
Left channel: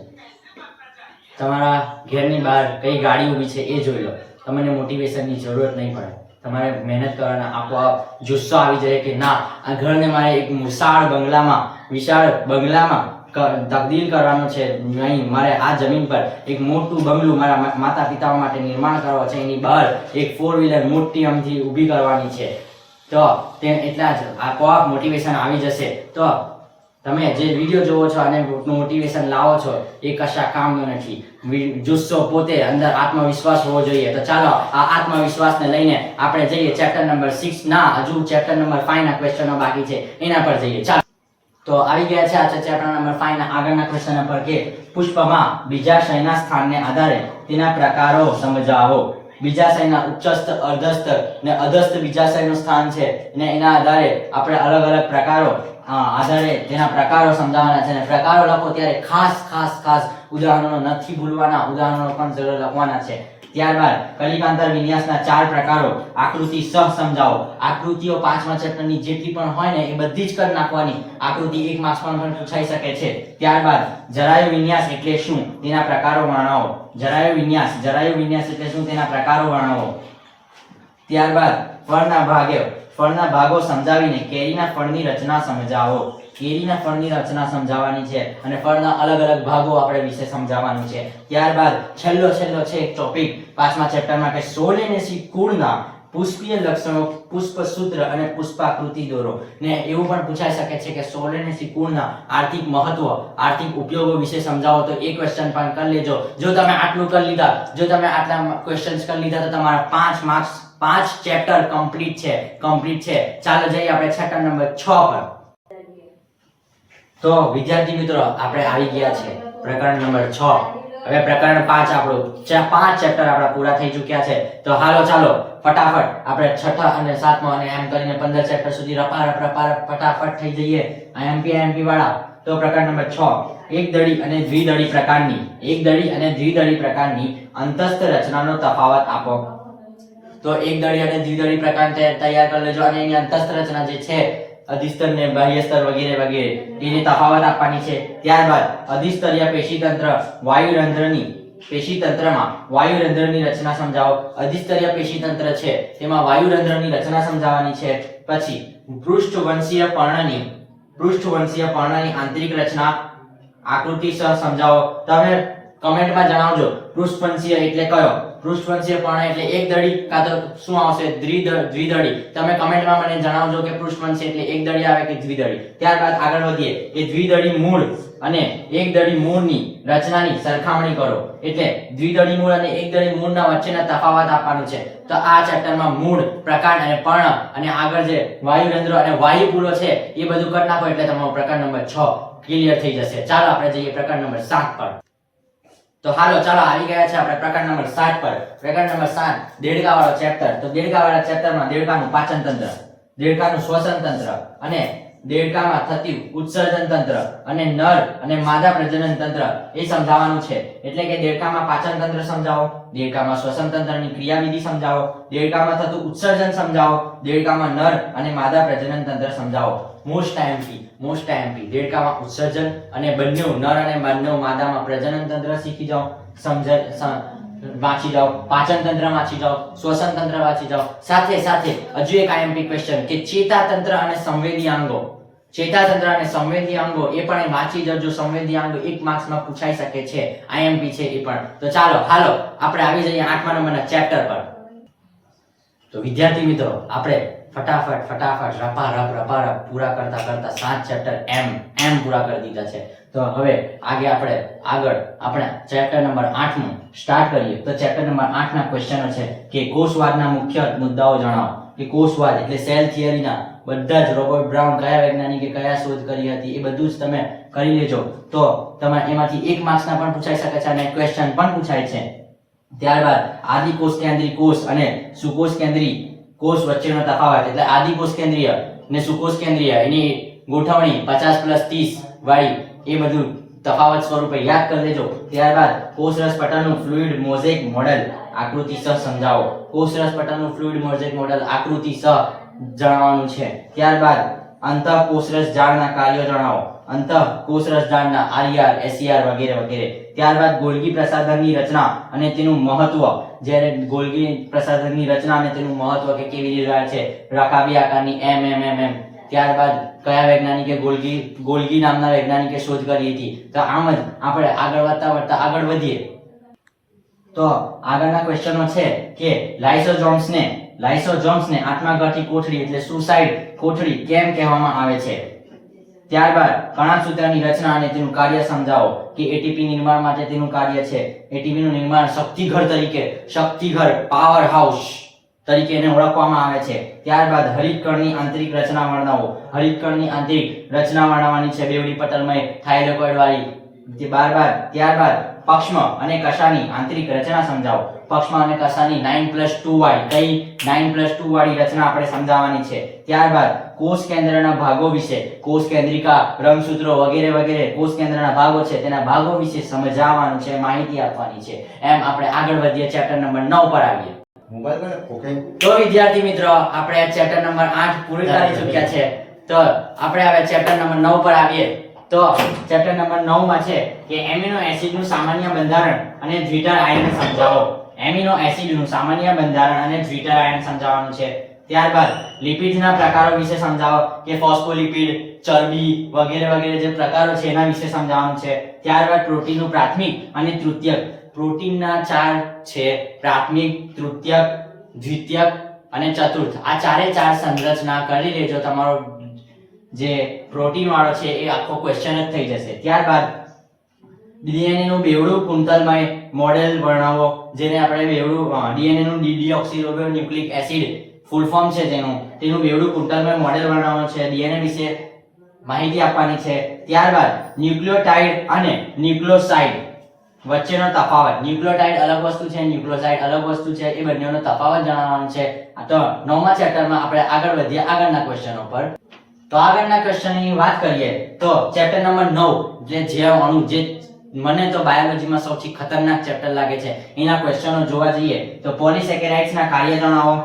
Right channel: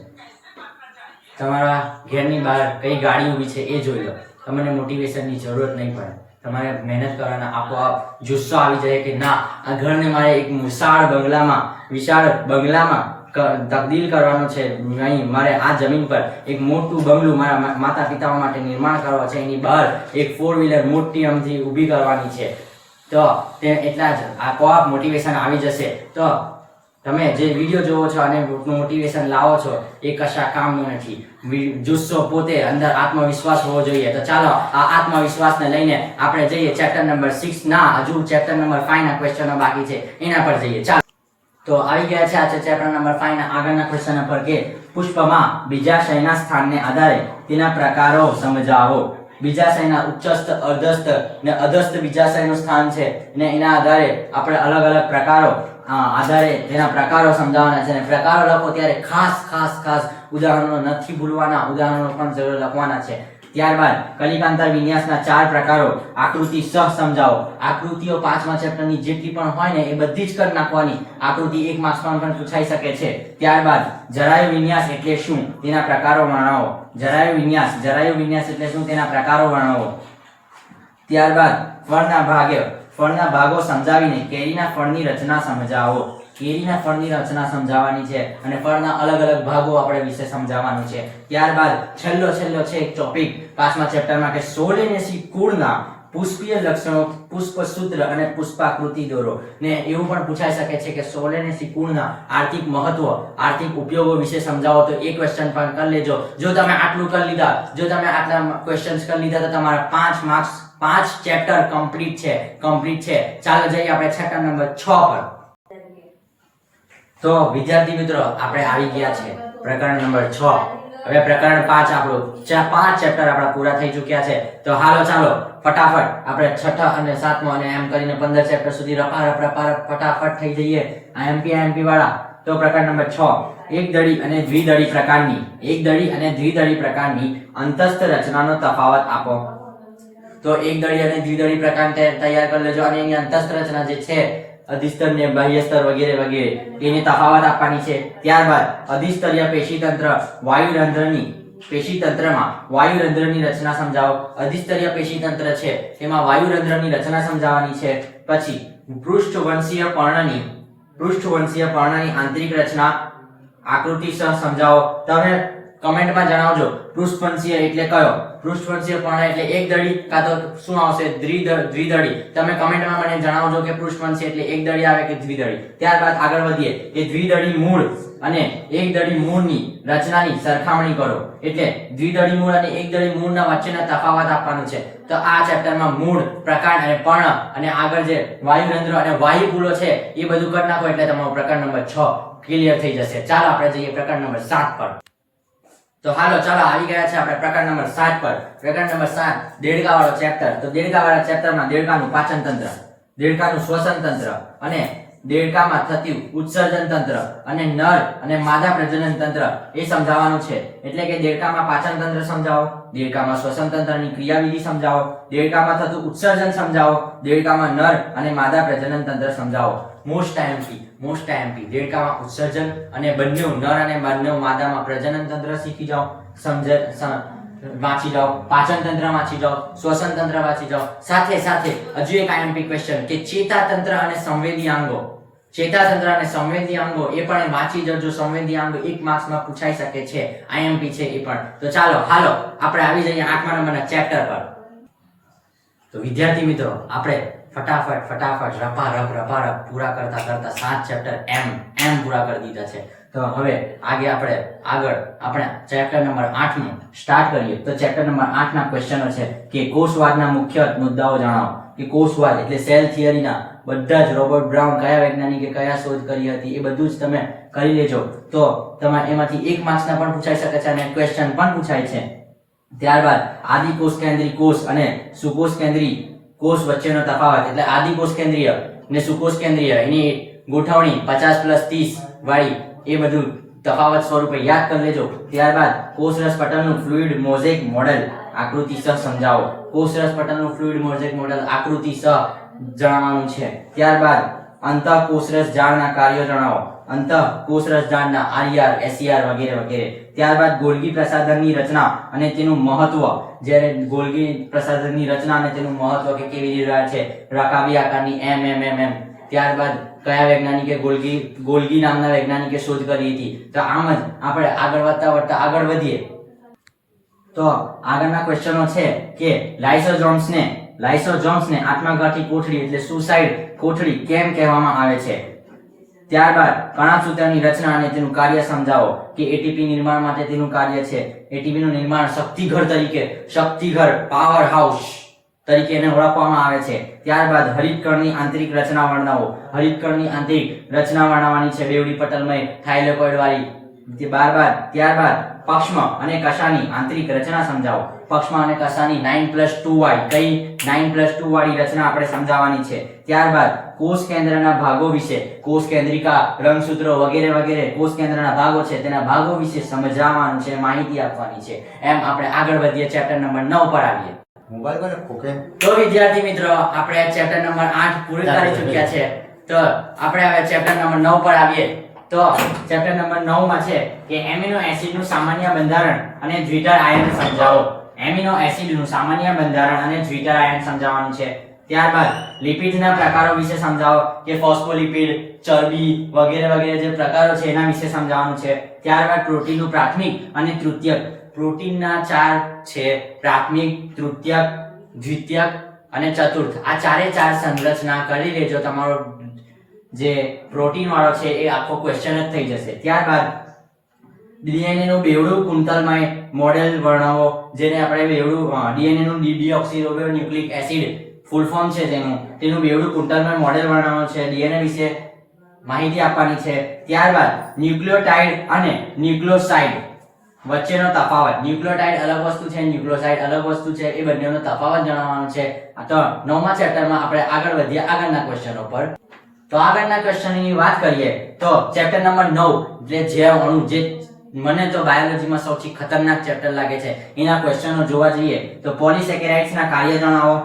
તમારા ઘેરની બહાર કઈ ગાડી ઊભી છે એ જોઈ લો. તમને મોટિવેશનની જરૂરત નહીં પડે. તમારે મહેનત કરવાના, આપોઆપ જુસ્સો આવી જાય કે ના, આ ઘરને મારે એક વિશાળ બંગલામાં તબદીલ કરવાનો છે. અહીં મારે આ જમીન પર એક મોટું બંગલું મારા માતા પિતાઓ માટે નિર્માણ કરવા છે. એની બહાર એક 4 વ્હીલર મોટી અમથી ઊભી કરવાની છે. તો તે એટલા જ આપોઆપ મોટિવેશન આવી જશે. તો તમે જે વિડીયો જોવો છો અને મોટિવેશન લાવો છો એ કશા કામનું નથી. જુસ્સો પોતે અંદર આત્મવિશ્વાસ હોવો જોઈએ. તો ચાલો આ આત્મવિશ્વાસને લઈને આપણે જઈએ ચેપ્ટર નંબર 6 ના, હજુ ચેપ્ટર નંબર 5 ના ક્વેશ્ચનો બાકી છે, એના પર જઈએ. ચાલો, તો આવી ગયા છે આ ચેપ્ટર નંબર 5 ના આગળના ક્વેશ્ચન પર કે પુષ્પમાં બીજાશયના સ્થાનને આધારે તેના પ્રકારો સમજાવો. બીજાશયના ઉચ્ચસ્થ, અર્ધસ્થ અને અધસ્થ બીજાશયનું સ્થાન છે અને એના આધારે આપણે અલગ અલગ પ્રકારો આધારે તેના પ્રકારો સમજાવવાના છે અને પ્રકારો લખો ત્યારે ખાસ ઉદાહરણો નથી ભૂલવાના, ઉદાહરણો પણ જરૂર લખવાના છે. ત્યારબાદ કલિકાંતર વિન્યાસના 4 પ્રકારો, આકૃતિ સહ સમજાવો. આકૃતિઓ 5મા ચેપ્ટરની જેટલી પણ હોય ને એ બધી જ કરી નાખવાની. આકૃતિ 1 માર્ક્સમાં પણ પૂછાઈ શકે છે. ત્યારબાદ જરાયુ વિન્યાસ એટલે શું તેના પ્રકારો વર્ણવો. જરાયુ વિન્યાસ એટલે શું તેના પ્રકારો વર્ણવો. ત્યારબાદ ફળના ભાગો સમજાવીને કેરીના ફળની રચના સમજાવો. કેરીના ફળની રચના સમજાવવાની છે અને ફળના અલગ અલગ ભાગો આપણે વિશે સમજાવવાનું છે. ત્યારબાદ છેલ્લો છે એક ટોપિક 5મા ચેપ્ટરમાં કે સોલેનેસી કુળના પુષ્પીય લક્ષણો, પુષ્પસૂત્ર અને પુષ્પાકૃતિ દોરો. ને એવું પણ પૂછાઈ શકે છે કે સોલેનેસી કુળના આર્થિક મહત્વ, આર્થિક ઉપયોગો વિશે સમજાવો. તો એ ક્વેશ્ચન પણ કરી લેજો. જો તમે આટલું કરી લીધા, જો તમે આટલા ક્વેશ્ચન્સ કરી લીધા તો તમારા 5 માર્ક્સ 5 ચેપ્ટર કમ્પ્લીટ છે. ચાલો જઈએ આપણે ચેપ્ટર નંબર 6 પર. તો વિદ્યાર્થી મિત્રો આપણે આવી ગયા છે પ્રકરણ નંબર 6. હવે પ્રકરણ 5 આપણું 5 ચેપ્ટર આપણા પૂરા થઈ ચૂક્યા છે. તો ચાલો ફટાફટ આપણે 6ઠા અને 7મો અને એમ કરીને 15 ચેપ્ટર સુધી રપારપ ફટાફટ થઈ જઈએ આઈએમપી વાળા. તો પ્રકરણ નંબર 6, એકદળી અને દ્વિદળી પ્રકારની અંતસ્થ રચનાનો તફાવત આપો. તો એકદળી અને દ્વિદળી પ્રકાર તૈયાર કરી લેજો અને એની અંતસ્થ રચના જે છે અધિસ્તર ને બાહ્યસ્તર વગેરે તેની તફાવત આપવાની છે. ત્યારબાદ અધિસ્તરીય પેશીતંત્ર પેશીતંત્રમાં વાયુરંધ્રની રચના સમજાવો. અધિસ્તરીય પેશીતંત્ર છે તેમાં વાયુરંધ્રની રચના સમજાવવાની છે. પછી પૃષ્ઠવંશીય પર્ણની આંતરિક રચના આકૃતિ સહ સમજાવો. તમે કમેન્ટમાં જણાવજો પૃષ્ઠવંશીય એટલે કયો. પૃષ્ઠવંશીય પર્ણ એટલે એકદળી કાં તો શું આવશે દ્વિદળી. તમે કમેન્ટમાં મને જણાવજો કે પૃષ્ઠવંશીય એટલે એકદળી આવે કે દ્વિદળી. ત્યારબાદ આગળ વધીએ કે દ્વિદળી મૂળ અને એકદળી મૂળની રચનાની સરખામણી કરો. એટલે દ્વિદળી મૂળ અને એકદળી મૂળના વચ્ચેના તફાવત આપવાનું છે. તો આ ચેપ્ટરમાં મૂળ, પ્રકાંડ અને પર્ણ અને આગળ જે વાયુરંધ્ર અને વાયુપુલો છે એ બધું કરી નાખો એટલે તમારો પ્રકરણ નંબર 6 ક્લિયર થઈ જશે. ચાલો આપણે જઈએ પ્રકરણ નંબર 7 પર. તો ચાલો આવી ગયા છે આપણે પ્રકરણ નંબર 7 પર. પ્રકરણ નંબર 7 દેડકા વાળો ચેપ્ટર. તો દેડકા વાળા ચેપ્ટરમાં દેડકાનું પાચન તંત્ર, દેડકાનું શ્વસન તંત્ર અને દેડકામાં થતું ઉત્સર્જન તંત્ર અને નર અને માદા પ્રજનન તંત્ર એ સમજાવવાનું છે. એટલે કે દેડકામાં પાચન તંત્ર સમજાવો, દેડકામાં શ્વસન તંત્રની ક્રિયાવિધિ સમજાવો, દેડકામાં થતું ઉત્સર્જન સમજાવો, દેડકામાં નર અને માદા પ્રજનન તંત્ર સમજાવો. મોસ્ટ આઈએમપી દેડકામાં ઉત્સર્જન અને બંને નર અને બંને માદામાં પ્રજનન તંત્ર શીખી જાઓ, વાંચી જાઓ, પાચન તંત્ર વાંચી જાઓ, શ્વસન તંત્ર વાંચી જાઓ. સાથે હજુ એક આઈએમપી ક્વેશ્ચન કે ચેતાતંત્ર અને સંવેદી અંગો. ચેતાતંત્ર અને સંવેદી અંગો એ પણ વાંચી જજો. સંવેદી અંગો 1 માર્ક્સમાં પૂછાઈ શકે છે, આઈએમપી છે એ પણ. તો ચાલો આપણે આવી જઈએ 8મા નંબરના ચેપ્ટર પર. તો વિદ્યાર્થી મિત્રો આપણે ફટાફટ રપારપ પૂરા કરતા 7 ચેપ્ટર એમ પૂરા કરી દીધા છે. તો હવે આગળ આપણે ચેપ્ટર નંબર 8 સ્ટાર્ટ કરીએ. તો ચેપ્ટર નંબર 8 ના ક્વેશ્ચનો છે કે કોષવાદના મુખ્ય મુદ્દાઓ જણાવો. કે કોષવાદ એટલે સેલ થિયરીના બધા જ રોબર્ટ બ્રાઉન કયા વૈજ્ઞાનિકે કયા શોધ કરી હતી એ બધું જ તમે કરી લેજો. તો તમારે એમાંથી 1 માર્ક્સના પણ પૂછાઈ શકે છે અને ક્વેશ્ચન પણ પૂછાય છે. ત્યારબાદ આદિકોષ કેન્દ્રી કોષ અને સુકોષ કેન્દ્રી કોષ વચ્ચેનો તફાવત. એટલે આદિકોષ કેન્દ્રીય ને સુકોષ કેન્દ્રીય એની ગોઠવણી 50+30 વાળી એ બધું તફાવત સ્વરૂપે યાદ કરી લેજો. ત્યારબાદ કોષરસ પટલનું ફ્લુઇડ મોઝેક મોડેલ આકૃતિ સહ સમજાવો. કોષરસ પટલનું ફ્લુઇડ મોઝેક મોડેલ આકૃતિ સહ જણાવવાનું છે. ત્યારબાદ અંતઃકોષરસ જાળના કાર્યો જણાવો. અંતઃકોષરસ જાળના આરઈઆર, એસઈઆર વગેરે. ત્યારબાદ ગોલ્ગી પ્રસાધનની રચના અને તેનું મહત્વ. જ્યારે ગોલ્ગી પ્રસાધનની રચના અને તેનું મહત્વ કે કેવી રીતે છે, રકાબી આકારની એમ. ત્યારબાદ કયા વૈજ્ઞાનિકે ગોલ્ગી નામના વૈજ્ઞાનિકે શોધ કરી હતી. તો આમ જ આપણે આગળ વધતા આગળ વધીએ. તો આગળના ક્વેશ્ચનો છે કે લાઇસોસોમ્સને આત્મઘાતી કોથળી એટલે સુસાઇડ કોથળી કેમ કહેવામાં આવે છે. ત્યારબાદ કણાસૂત્રની રચના અને તેનું કાર્ય સમજાવો. કે એટીપી નિર્માણ માટે તેનું કાર્ય છે. એટીપી નું નિર્માણ શક્તિઘર પાવર હાઉસ તરીકે એને ઓળખવામાં આવે છે. ત્યારબાદ હરિતકણની આંતરિક રચના વર્ણવો. હરિતકણની આંતરિક રચના વર્ણવવાની છે બેવડી પટલમય થાઇલેકોઇડ વાળી. ત્યારબાદ પક્ષમાં અને કશાની આંતરિક રચના સમજાવો. પક્ષમાં અને કશાની 9+2 વાળી કઈ 9+2 વાળી રચના આપણે સમજાવવાની છે. ત્યારબાદ કોષ કેન્દ્રના ભાગો વિશે, કોષ કેન્દ્રિકા, રંગસૂત્રો વગેરે વગેરે કોષ કેન્દ્રના ભાગો છે તેના ભાગો વિશે સમજાવવાનું છે, માહિતી આપવાની છે. એમ આપણે આગળ વધીએ ચેપ્ટર નંબર 9 પર આવીએ. તો વિદ્યાર્થી મિત્રો આપણે ચેપ્ટર નંબર 8 પૂરું કરી ચૂક્યા છે. તો આપણે હવે ચેપ્ટર નંબર 9 પર આવીએ. તો ચેપ્ટર નંબર 9 માં છે કે એમિનો એસિડનું સામાન્ય બંધારણ અને દ્વિધર આયન સમજાવો. એમિનો એસિડનું સામાન્ય બંધારણ અને દ્વિધર આયન સમજાવવાનું છે. ત્યારબાદ લિપિડના પ્રકારો વિશે સમજાવો કે ફોસ્ફોલિપિડ, ચરબી વગેરે વગેરે જે પ્રકારો છે એના વિશે સમજાવવાનું છે. ત્યારબાદ પ્રોટીનનું પ્રાથમિક અને તૃતીયક. પ્રોટીનના 4 છે, પ્રાથમિક, તૃતીયક, દ્વિતીયક અને ચતુર્થ. આ ચારે ચાર સંરચના કરી લેજો. તમારો જે પ્રોટીન વાળો છે એ આખો ક્વેશ્ચન જ થઈ જશે. ત્યારબાદ ડીએનએ નું બેવડું કુંતલમય મોડેલ વર્ણવો, જેને આપણે બેવડું ડીએનએ નું ડીડીઓક્સીરિબોન્યુક્લિક એસિડ ફૂલ ફોર્મ છે તેનું બેવડું કુંતલમય મોડેલ વર્ણવવાનું છે. ડીએનએ વિશે માહિતી આપવાની છે. ત્યારબાદ ન્યુક્લિયોટાઇડ અને ન્યુક્લિયોસાઇડ વચ્ચેનો તફાવત. ન્યુક્લિયોટાઇડ અલગ વસ્તુ છે, ન્યુક્લિયોસાઇડ અલગ વસ્તુ છે, એ બંનેનો તફાવત જણાવવાનો છે. તો 9મા ચેપ્ટરમાં આપણે આગળ વધીએ આગળના ક્વેશ્ચનો પર. તો આગળના ક્વેશ્ચનની વાત કરીએ તો ચેપ્ટર નંબર 9 એટલે જૈવ અણુ, જે મને તો બાયોલોજીમાં સૌથી ખતરનાક ચેપ્ટર લાગે છે, એના ક્વેશ્ચનો જોવા જઈએ તો પોલિસેકેરાઇડ્સ ના કાર્ય જણાવો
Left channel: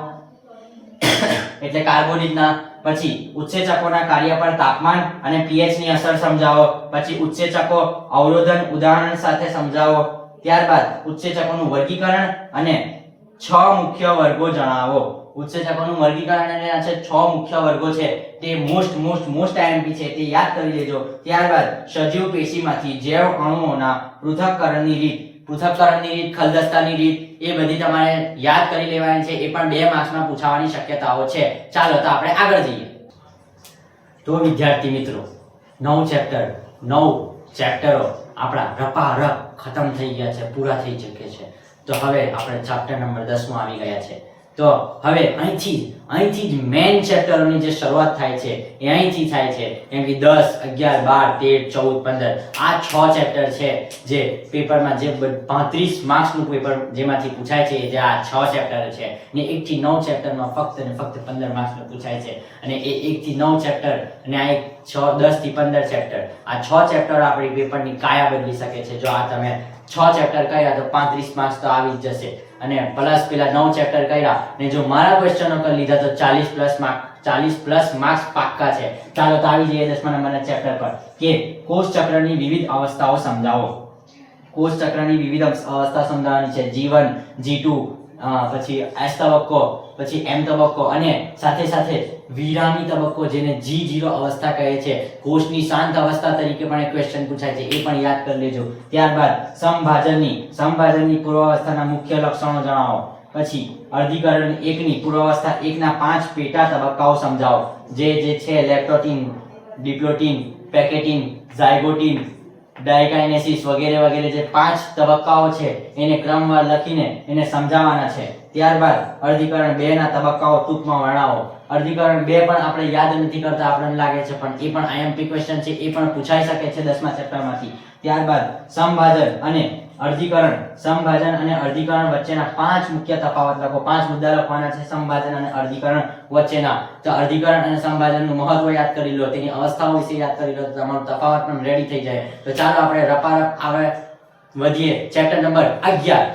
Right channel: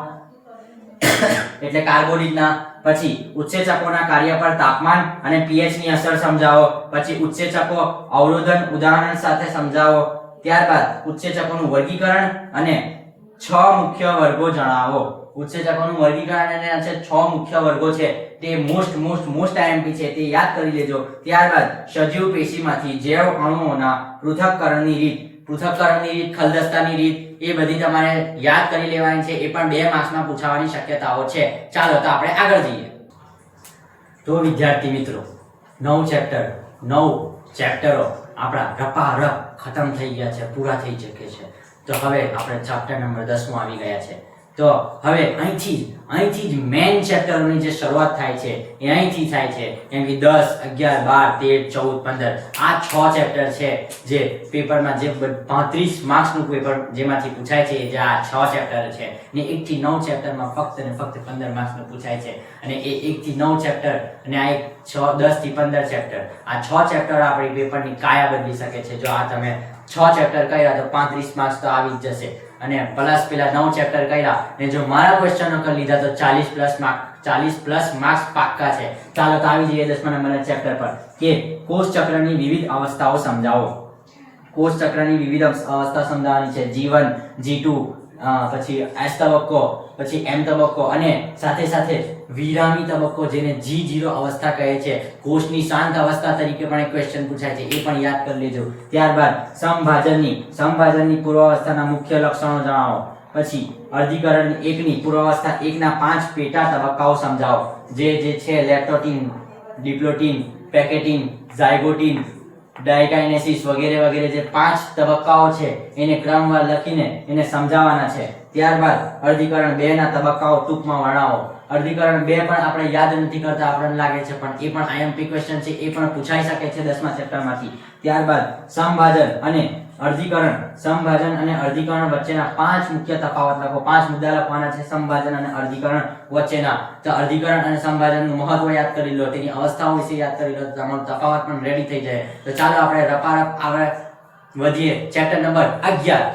એટલે કાર્બોદિતના. પછી ઉત્સેચકોના કાર્ય પર તાપમાન અને pH ની અસર સમજાવો. પછી ઉત્સેચકો અવરોધન ઉદાહરણ સાથે સમજાવો. ત્યારબાદ ઉત્સેચકોનું વર્ગીકરણ અને 6 મુખ્ય વર્ગો જણાવો. ઉત્સેચકોનું વર્ગીકરણ અને 6 મુખ્ય વર્ગો છે તે મોસ્ટ IMP છે, તે યાદ કરી લેજો. ત્યારબાદ સજીવ પેશીમાંથી જૈવ અણુઓના પૃથક્કરણની રીત, ખલદસ્તાની રીત, એ બધી તમારે યાદ કરી લેવાની છે. એ પણ 2 માર્ક્સમાં પૂછાવાની શક્યતાઓ છે. ચાલો તો આપણે આગળ જઈએ. તો વિદ્યાર્થી મિત્રો 9 ચેપ્ટરો આપણા રપારપ ખતમ થઈ ગયા છે, પૂરા થઈ ચૂક્યા છે. તો હવે આપણે ચેપ્ટર નંબર 10 માં આવી ગયા છે. તો હવે અહીંથી જ મેઇન ચેપ્ટરની જે શરૂઆત થાય છે એ અહીંથી થાય છે. કેમ કે 10, 11, 12, 13, 14, 15 આ 6 ચેપ્ટર છે જે પેપરમાં જે 35 માર્ક્સનું પેપર જેમાંથી પૂછાય છે, જે આ 6 ચેપ્ટર છે. ને 1 થી 9 ચેપ્ટરમાં ફક્ત 15 માર્ક્સનું પૂછાય છે. અને એ 1 થી 9 ચેપ્ટર અને આ 10 થી 15 ચેપ્ટર, આ 6 ચેપ્ટર આપણી પેપરની કાયા બદલી શકે છે. જો આ તમે 6 ચેપ્ટર કર્યા તો 35 માર્ક્સ તો આવી જ જશે. અને પ્લસ પેલા 9 ચેપ્ટર કર્યા ને જો મારા ક્વેશ્ચનો કરી લીધા તો 40+ માર્ક્સ પાક્કા છે. ચાલો તો આવી જઈએ 10મા નંબરના ચેપ્ટર પર કે કોષ ચક્રની વિવિધ અવસ્થાઓ સમજાવો. કોષ ચક્રની વિવિધ અવસ્થા સમજાવવાની છે. G1, G2, પછી S તબક્કો, પછી M તબક્કો અને સાથે સાથે વિરામી તબક્કો, જેને G0 અવસ્થા કહે છે. કોષની શાંત અવસ્થા તરીકે પણ એક ક્વેશ્ચન પૂછાય છે, એ પણ યાદ કરી લેજો. ત્યારબાદ સમભાજનની પૂર્વાવસ્થાના મુખ્ય લક્ષણો જણાવો. પછી અર્ધીકરણ 1ની પૂર્વાવસ્થા 1ના 5 પેટા તબક્કાઓ સમજાવો. જે છે લેપ્ટોટીન, ડિપ્લોટીન, પેકેટીન, ઝાયગોટીન, ડાયકાઇનેસિસ વગેરે વગેરે જે 5 તબક્કાઓ છે એને ક્રમવાર લખીને એને સમજાવવાના છે. ત્યારબાદ અર્ધીકરણ 2 ના તબક્કાઓ ટૂંકમાં વર્ણવો. અર્ધીકરણ 2 પણ આપણે યાદ નથી કરતા, આપણને લાગે છે, પણ એ પણ IMP ક્વેશ્ચન છે, એ પણ પૂછાઈ શકે છે 10મા ચેપ્ટરમાંથી. ત્યારબાદ સમભાજન અને અર્ધીકરણ વચ્ચેના 5 મુખ્ય તફાવત લખો. 5 મુદ્દા લખવાના છે સમભાજન અને અર્ધીકરણ વચ્ચેના. તો અર્ધીકરણ અને સમભાજનનું મહત્વ યાદ કરી લો, તેની અવસ્થાઓ વિશે યાદ કરી લો, તો તમારું તફાવત પણ રેડી થઈ જાય. તો ચાલો આપણે રપારપ આગળ વધીએ ચેપ્ટર નંબર 11.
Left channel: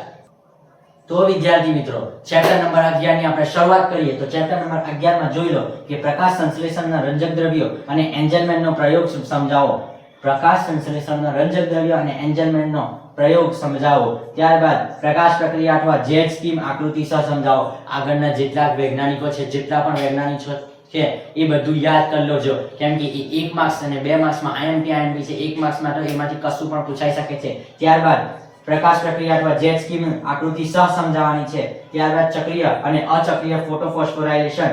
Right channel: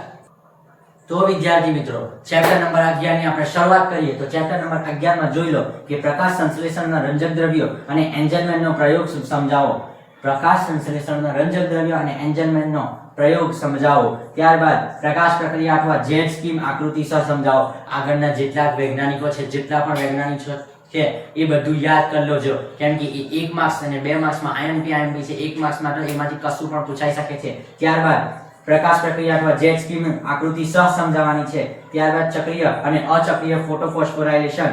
તો વિદ્યાર્થી મિત્રો ચેપ્ટર નંબર 11 ની આપણે શરૂઆત કરીએ. તો ચેપ્ટર નંબર 11 માં જોઈ લો કે પ્રકાશ સંશ્લેષણના રંજક દ્રવ્યો અને એન્જલમેનનો પ્રયોગ સમજાવો. પ્રકાશ સંશ્લેષણના રંજક દ્રવ્યો અને એન્જલમેનનો પ્રયોગ સમજાવો. ત્યારબાદ પ્રકાશ પ્રક્રિયા અથવા જેટ સ્કીમ આકૃતિ સહ સમજાવો. આગળના જેટલા વૈજ્ઞાનિકો છે, જેટલા પણ વૈજ્ઞાનિકો છે એ બધું યાદ કરી લોજો. કેમ કે એ 1 માર્ક્સ અને 2 માર્ક્સમાં IMP છે. 1 માર્ક્સમાં તો એમાંથી કશું પણ પૂછાઈ શકે છે. ત્યારબાદ પ્રકાશ પ્રક્રિયા અથવા જેટ સ્કીમ આકૃતિ સહ સમજાવવાની છે. ત્યારબાદ ચક્રીય અને અચક્રીય ફોટોફોસ્ફોરાયલેશન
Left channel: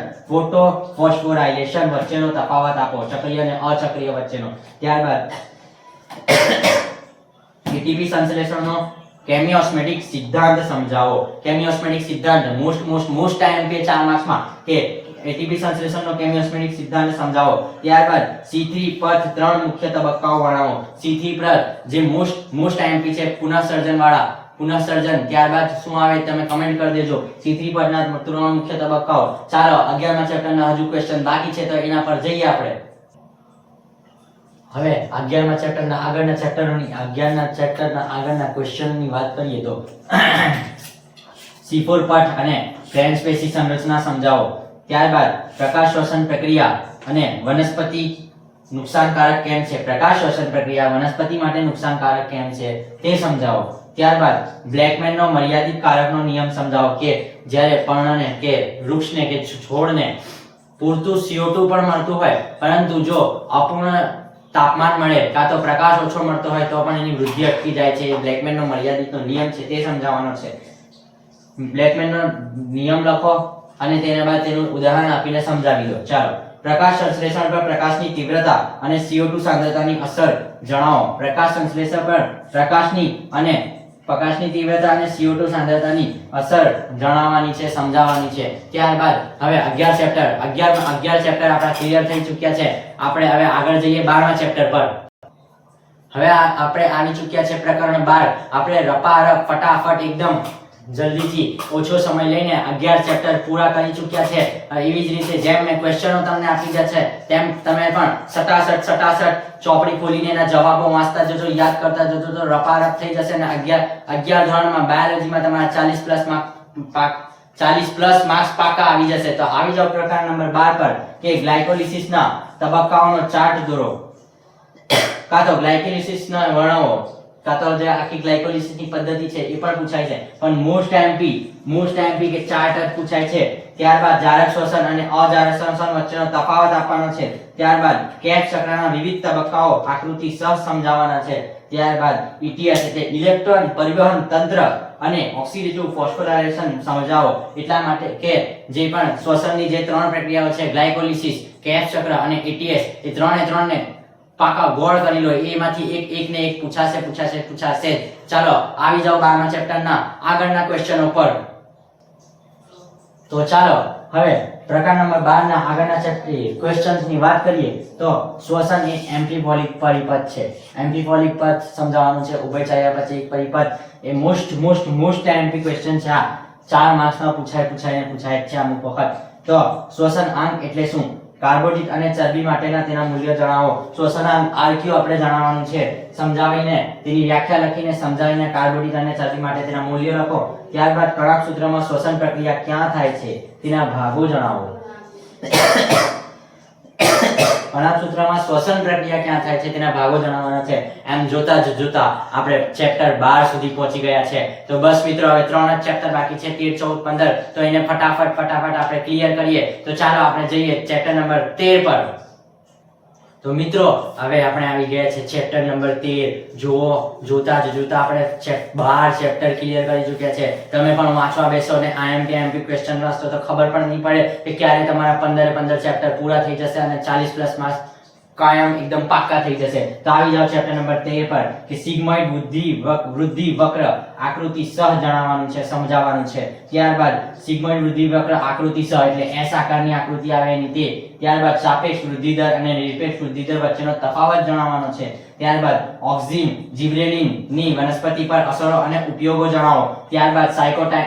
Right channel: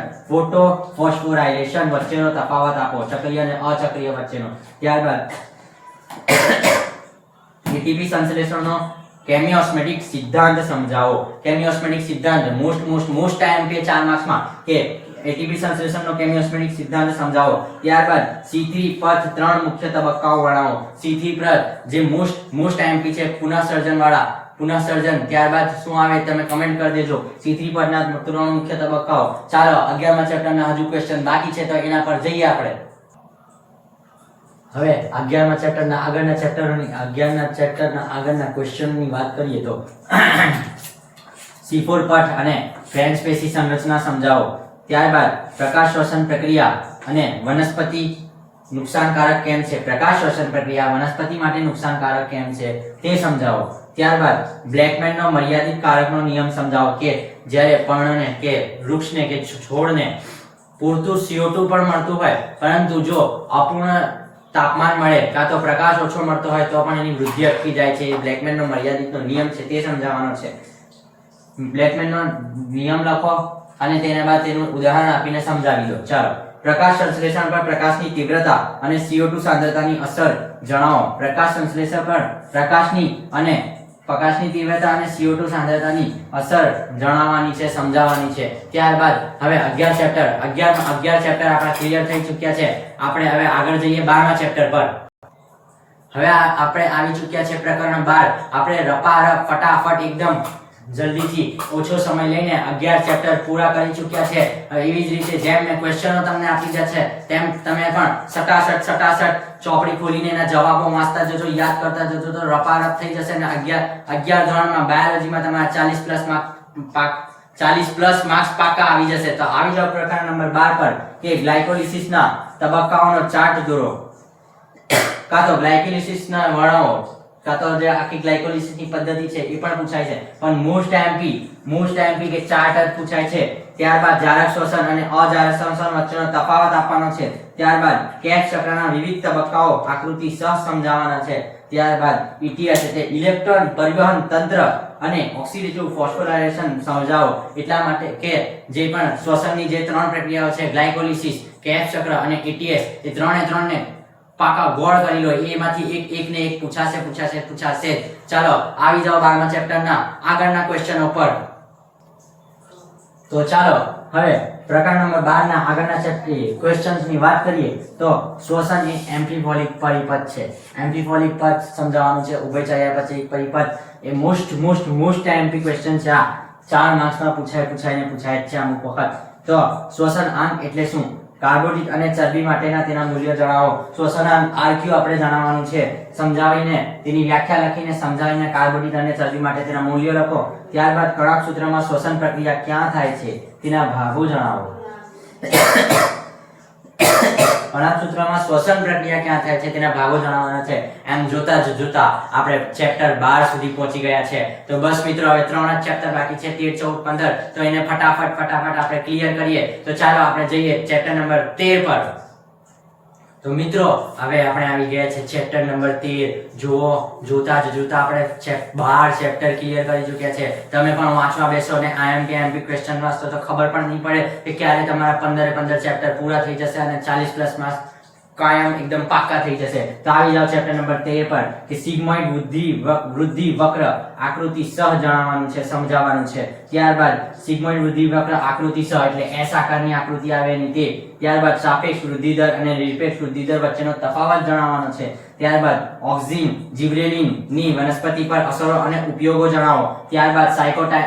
વચ્ચેનો તફાવત આપો. ચક્રીય અને અચક્રીય વચ્ચેનો. ત્યારબાદ એટીપી સંશ્લેષણનો કેમિયોસ્મેટિક સિદ્ધાંત સમજાવો. કેમિયોસ્મેટિક સિદ્ધાંત મોસ્ટ IMP 4 માર્ક્સમાં કે એટીપી સંશ્લેષણનો કેમિયોસ્મેટિક સિદ્ધાંત સમજાવો. ત્યારબાદ C3 પથ 3 મુખ્ય તબક્કાઓ વર્ણવો. C3 પથ જે મોસ્ટ આઈએમપી છે પુનઃસર્જન વાળા, પુનઃસર્જન. ત્યારબાદ શું આવે તમે કમેન્ટ કરી દેજો. C3 પરના 3 મુખ્ય તબક્કાઓ. ચાલો 11મા ચેપ્ટરના હજુ ક્વેશ્ચન બાકી છે તો એના પર જઈએ આપણે. હવે 11મા ચેપ્ટરના આગળના ક્વેશ્ચનની વાત કરીએ તો C4 પઠ અને ગ્રેન્ડ સ્પેસી સંરચના સમજાવો. ત્યારબાદ પ્રકાશ શ્વસન પ્રક્રિયા અને વનસ્પતિ નુકસાનકારક કેમ છે, પ્રકાશ શ્વસન પ્રક્રિયા વનસ્પતિ માટે નુકસાનકારક કેમ છે તે સમજાવો. ત્યારબાદ બ્લેકમેનનો મર્યાદિત કારકનો નિયમ સમજાવો કે જ્યારે પર્ણને કે વૃક્ષને કે છોડને પૂરતું CO2 પણ મળતું હોય પરંતુ જો અપૂર્ણ તાપમાન મળે કાં તો પ્રકાશ ઓછો મળતો હોય તો પણ એની વૃદ્ધિ અટકી જાય છે. એ બ્લેકમેનનો મર્યાદિતનો નિયમ છે તે સમજાવવાનો છે. બ્લેકમેનનો નિયમ લખો અને તેના બાદ તેનું ઉદાહરણ આપીને સમજાવી દો. ચાલો, પ્રકાશ સંશ્લેષણ પર પ્રકાશની તીવ્રતા અને CO2 સાંદ્રતાની અસર જણાવો. પ્રકાશ સંશ્લેષણ પર પ્રકાશની તીવ્રતા અને CO2 સાંદ્રતાની અસર જણાવવાની છે, સમજાવવાની છે. ત્યારબાદ હવે 11 ચેપ્ટર આપણા ક્લિયર થઈ ચૂક્યા છે. આપણે હવે આગળ જઈએ 12મા ચેપ્ટર પર. હવે આપણે આવી ચૂક્યા છે પ્રકરણ 12. આપણે રપારપ ફટાફટ એકદમ જલ્દીથી ઓછો સમય લઈને 11 ચેપ્ટર પૂરા કરી ચૂક્યા છે. એવી જ રીતે જેમ મેં ક્વેશ્ચનો તમને આપી દીધા છે તેમ તમે પણ સટાસટ ચોપડી ખોલીને એના જવાબો વાંચતા જજો, યાદ કરતા જજો તો રપારપ થઈ જશે. અને 11 ધોરણમાં બાયોલોજીમાં તમારા 40 પ્લસ માર્ક્સ પાકા આવી જશે. તો આવી જાવ પ્રકરણ નંબર 12 પર કે ગ્લાયકોલિસિસના તબક્કાઓનો ચાર્ટ દોરો, કાં તો ગ્લાયકોલિસિસના વર્ણવો, કાં તો જે આખી ગ્લાયકોલિસિસની પદ્ધતિ છે એ પણ પૂછાય છે. પણ મોસ્ટ આઈએમપી કે ચાર્ટ જ પૂછાય છે. ત્યારબાદ જારક શ્વસન અને અજારક શ્વસન વચ્ચેનો તફાવત આપવાનો છે. ત્યારબાદ કેક્સ ચક્રના વિવિધ તબક્કાઓ આકૃતિ સહ સમજાવવાના છે. ત્યારબાદ ETS એટલે ઇલેક્ટ્રોન પરિવહન તંત્ર અને ઓક્સિડેટિવ ફોસ્ફોરાયલેશન સમજાવો. એટલા માટે કે જે પણ શ્વસનની જે 3 પ્રક્રિયાઓ છે ગ્લાયકોલિસિસ, કેક્સ ચક્ર અને ETS, એ ત્રણે પાકા ગોળ કરી લો. એમાંથી એક પૂછાશે. ચાલો આવી જાઓ 12મા ચેપ્ટરના આગળના ક્વેશ્ચનો પર. તો ચાલો હવે પ્રકરણ નંબર 12 ના આગળના ચેપ્ટર ક્વેશ્ચન્સ ની વાત કરીએ તો શ્વસન એ એમ્ફિફોલિક પરિપથ છે. એમ્ફિફોલિક પથ સમજાવવાનું છે. ઉભયચર્યા પછી એક પરિપથ એ મોસ્ટ એમ્પી ક્વેશ્ચન છે. આ 4 માર્ક્સમાં પૂછાય છે અમુક વખત. તો શ્વસન અંગ એટલે શું, કાર્બોદિત અને ચરબી માટેના તેના મૂલ્યો જણાવો. શ્વસનાંગ RQ આપણે જણાવવાનું છે. સમજાવીને તેની વ્યાખ્યા લખીને સમજાવીને કાર્બોદિત અને ચરબી માટે તેના મૂલ્યો લખો. ત્યારબાદ કણાક સૂત્રમાં શ્વસન પ્રક્રિયા ક્યાં થાય છે તેના ભાગો જણાવો. કણાક સૂત્રમાં શ્વસન પ્રક્રિયા ક્યાં થાય છે તેના ભાગો જણાવવાના છે. એમ જોતા આપણે ચેપ્ટર 12 સુધી પહોંચી ગયા છે. તો બસ મિત્રો હવે 3 જ ચેપ્ટર બાકી છે, 13, 14, 15. તો એને ફટાફટ આપણે ક્લિયર કરીએ. તો ચાલો આપણે જઈએ ચેપ્ટર નંબર 13 પર. તો મિત્રો હવે આપણે આવી ગયા છે ચેપ્ટર નંબર 13. જોતા આપણે 12 ચેપ્ટર ક્લિયર કરી ચૂક્યા છે. તમે પણ વાંચવા બેસો ને IMP ક્વેશ્ચન વાંચો તો ખબર પણ નહીં પડે કે ક્યારે તમારા 15 ચેપ્ટર પૂરા થઈ જશે અને 40 પ્લસ માર્ક્સ કાયમ એકદમ પાક્કા થઈ જશે. તો આવી જાવ ચેપ્ટર નંબર 13 પર કે સિગ્મોઇડ વૃદ્ધિ વક્ર આકૃતિ સહ જણાવવાનું છે, સમજાવવાનું છે. ત્યારબાદ સિગ્મોઇડ વૃદ્ધિ વક્ર આકૃતિ સહ એટલે S આકારની આકૃતિ આવે એની તે. ત્યારબાદ સાપેક્ષ વૃદ્ધિ દર અને નિરપેક્ષ વૃદ્ધિ દર વચ્ચેનો તફાવત જણાવવાનો છે. ત્યારબાદ ઓક્સિન જિબ્રેલિન ની વનસ્પતિ પર અસરો અને ઉપયોગો જણાવો. ત્યારબાદ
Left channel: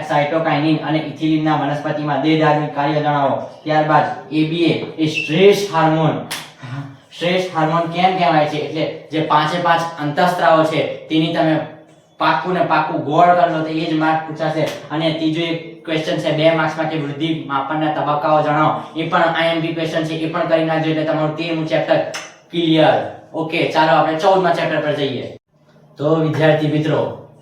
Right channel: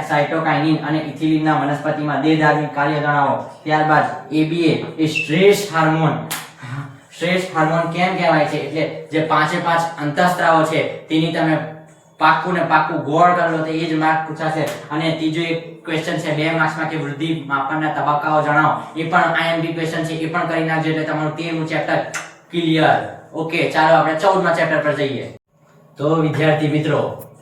સાયટોકાઇનિન અને ઇથિલિનના વનસ્પતિમાં દેહધાર્મિક કાર્ય જણાવો. ત્યારબાદ ABA એ શ્રેષ્ઠ હાર્મોન કેમ કહેવાય છે એટલે જે 5 અંતઃસ્ત્રાવો છે તેની તમે પાક્કું ગોળ કરી લો તો એ જ માર્ક પૂછાશે. અને ત્રીજો એક ક્વેશ્ચન છે 2 માર્ક્સમાં કે વૃદ્ધિ માપનના તબક્કાઓ જણાવો. એ પણ IMP ક્વેશ્ચન છે, એ પણ કરી નાખજો એટલે તમારું 13મું ચેપ્ટર ક્લિયર. ઓકે, ચાલો આપણે 14મા ચેપ્ટર પર જઈએ. તો વિદ્યાર્થી મિત્રો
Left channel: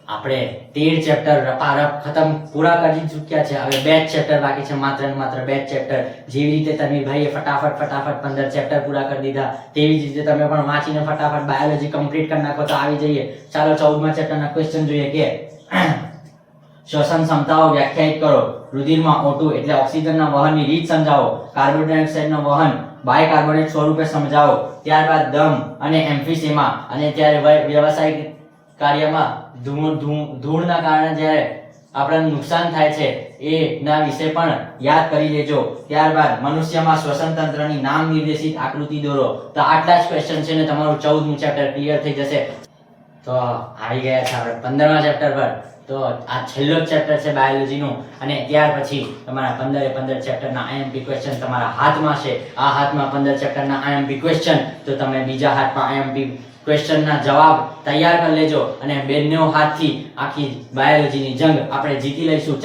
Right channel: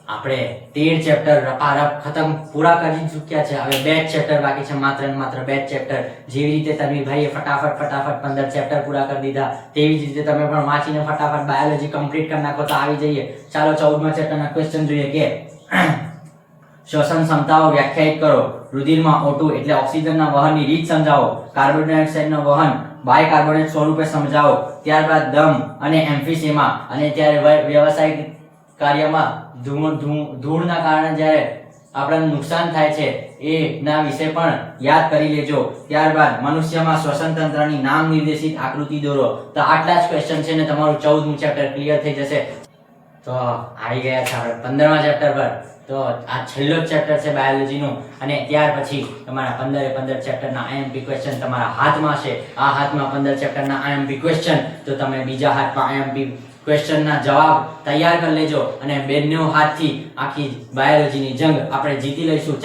આપણે 13 ચેપ્ટર રપારપ ખતમ પૂરા કરી ચૂક્યા છે. હવે 2 ચેપ્ટર બાકી છે, માત્ર 2 ચેપ્ટર. જેવી રીતે તન્વીરભાઈએ ફટાફટ 15 ચેપ્ટર પૂરા કરી દીધા તેવી જ રીતે તમે પણ વાંચીને ફટાફટ બાયોલોજી કમ્પ્લીટ કરી નાખો. તો આવી જઈએ ચાલો 14મા ચેપ્ટરના ક્વેશ્ચન જોઈએ કે શ્વસન ક્ષમતાઓ વ્યાખ્યાયિત કરો. રુધિરમાં O2 એટલે ઓક્સિજનના વહનની રીત સમજાવો. કાર્બન ડાયોક્સાઇડનું વહન બાયકાર્બોનેટ સ્વરૂપે સમજાવો. ત્યારબાદ દમ અને એમ્ફીસેમા અને ત્યારે વ્યવસાયિક કાર્યમાં ધૂળના કારણે જ્યારે આપણને નુકસાન થાય છે એના વિશે પણ યાદ કરી લેજો. ત્યારબાદ મનુષ્યમાં શ્વસન તંત્રની નામ નિર્દેશિત આકૃતિ દોરો. તો આટલા જ ક્વેશ્ચન છે ને તમારું 14મું ચેપ્ટર ક્લિયર થઈ જશે. તો આવી ગયા છે આપણે 15મા ચેપ્ટર પર. તો આ છેલ્લો જ ચેપ્ટર છે બાયોલોજીનું, અને ત્યાર પછી તમારા 15 ચેપ્ટરના આઈએમપી ક્વેશ્ચન તમારા હાથમાં છે. આ હાથમાં 15 ચેપ્ટરના આઈએમપી ક્વેશ્ચન, તો તમે બીજા હાથમાં આઈએમપી ક્વેશ્ચનના જવાબ તૈયાર કરી લેજો, અને બેનો હાથથી આખી બાયોલોજીની જંગ આપણે જીતી લઈશું.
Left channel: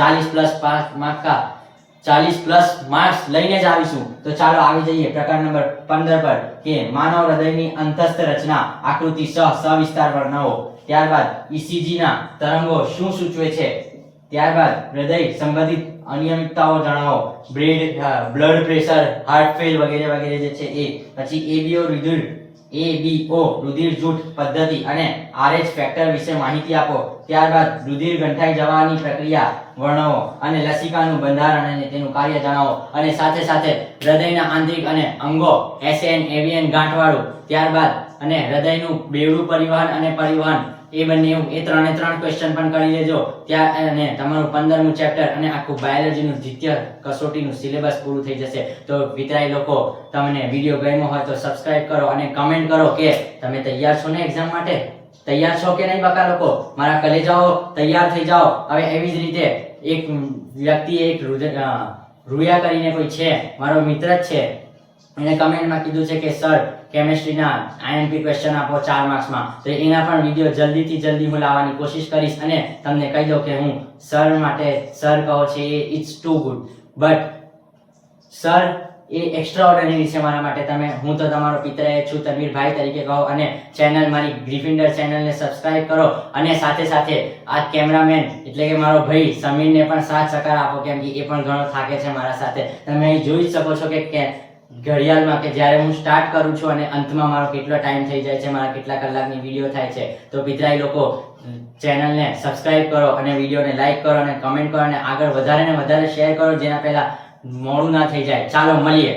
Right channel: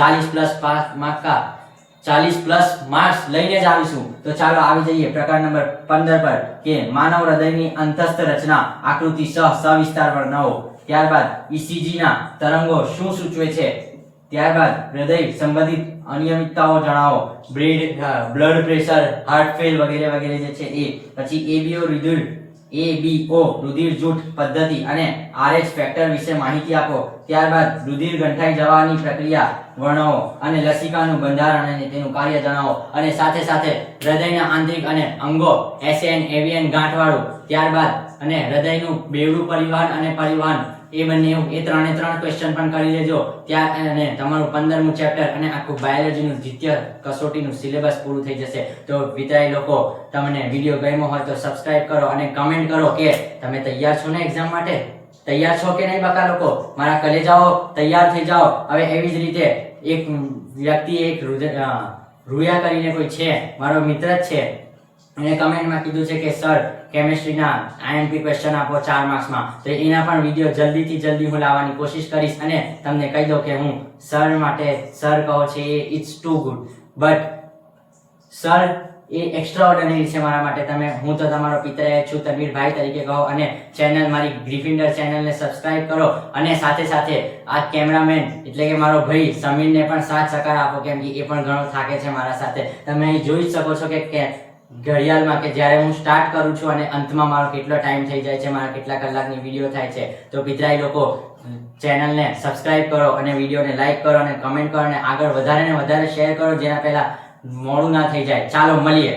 40+ માર્ક્સ લઈને જ આવીશું. તો ચાલો આવી જઈએ પ્રકાર નંબર 15 પર, કે માનવ હૃદયની અંતસ્થ રચના આકૃતિ સવિસ્તાર વર્ણવો. ત્યારબાદ ECG ના તરંગો શું સૂચવે છે. ત્યારબાદ હૃદય સંબંધિત અનિયમિતતાઓ જણાવો. બ્લડ પ્રેશર, હાર્ટ ફેલ વગેરે વગેરે જે છે એ. પછી ABO રુધિર જૂથ પદ્ધતિ અને RH ફેક્ટર વિશે માહિતી આપો. ત્યારબાદ રુધિર ગંઠાઈ જવાની પ્રક્રિયા વર્ણવો, અને લસિકાનું બંધારણ અને તેનું કાર્ય જણાવો, અને સાથે સાથે હૃદયના આંતરિક અને અંગો SN AVN ગાંઠવાળું. ત્યારબાદ અને હૃદયનું બેવડું પરિવહન અને પરિવહન એ બંને એ ત્રણે ત્રણ ક્વેશ્ચન પણ કરી લેજો. ત્યાં અને તમારું 15મું ચેપ્ટર અને આખું બાયોલોજીનું દ્વિતીય કસોટીનું સિલેબસ પૂરું થઈ જશે. તો વિદ્યાર્થી લોકો, તમને વિડીયો ગમ્યો હોય તો સબસ્ક્રાઇબ કરો અને કમેન્ટ કરો કે તમે તૈયાર છો ને એક્ઝામ માટે. તૈયાર છો કે નહીં બકા લોકો? મારા કલેજાઓ તૈયાર થઈ જાઓ. હવે એવી જ રીતે એક વ્યક્તિ, એક રૂયા કરીને કોઈ છે, મારો મિત્ર જ છે, એને કમેન્ટમાં કીધું છે કે સર કેમેસ્ટ્રીના આઈએમપી ક્વેશ્ચન આપો 4 માર્ક્સમાં. તો એના પણ વિડીયો જલ્દીથી જલ્દી હું લાવવાની કોશિશ કરીશ, અને તમને કહી દઉં કે હું સર માટે, સર કહો છે એ it's too good, but sir a extraordinary છે મારા માટે. હું તો તમારો પિતરાય છું, તનવીરભાઈ તરીકે કહો, અને ચેનલ મારી ગ્રીફિન્ડર ચેનલને સબસ્ક્રાઇબ કરો, અને સાથે સાથે આ કેમેરામેન એટલે કે મારો ભાઈ સમીરને પણ સાથ સહકાર આપો, કેમ કે એ પણ ઘણો થાકે છે મારા સાથે. તમે અહીં જોઈ શકો છો કે ઘડિયાળમાં કે જ્યારે હું સ્ટાર્ટ કરું છું અને અંતમાં મારો કેટલો ટાઈમ થઈ જાય છે, મારા કેટલા કલાકની વિડીયો થાય છે. તો પિતરાઈ લોકો, ચેનલને સબસ્ક્રાઇબ કરો અને વિડીયોને લાઈક કરો અને કમેન્ટ કરો, અને આગળ વધારે ને વધારે શેર કરો, જેના પહેલા મોડું ના થઈ જાય. ચાલો મળીએ.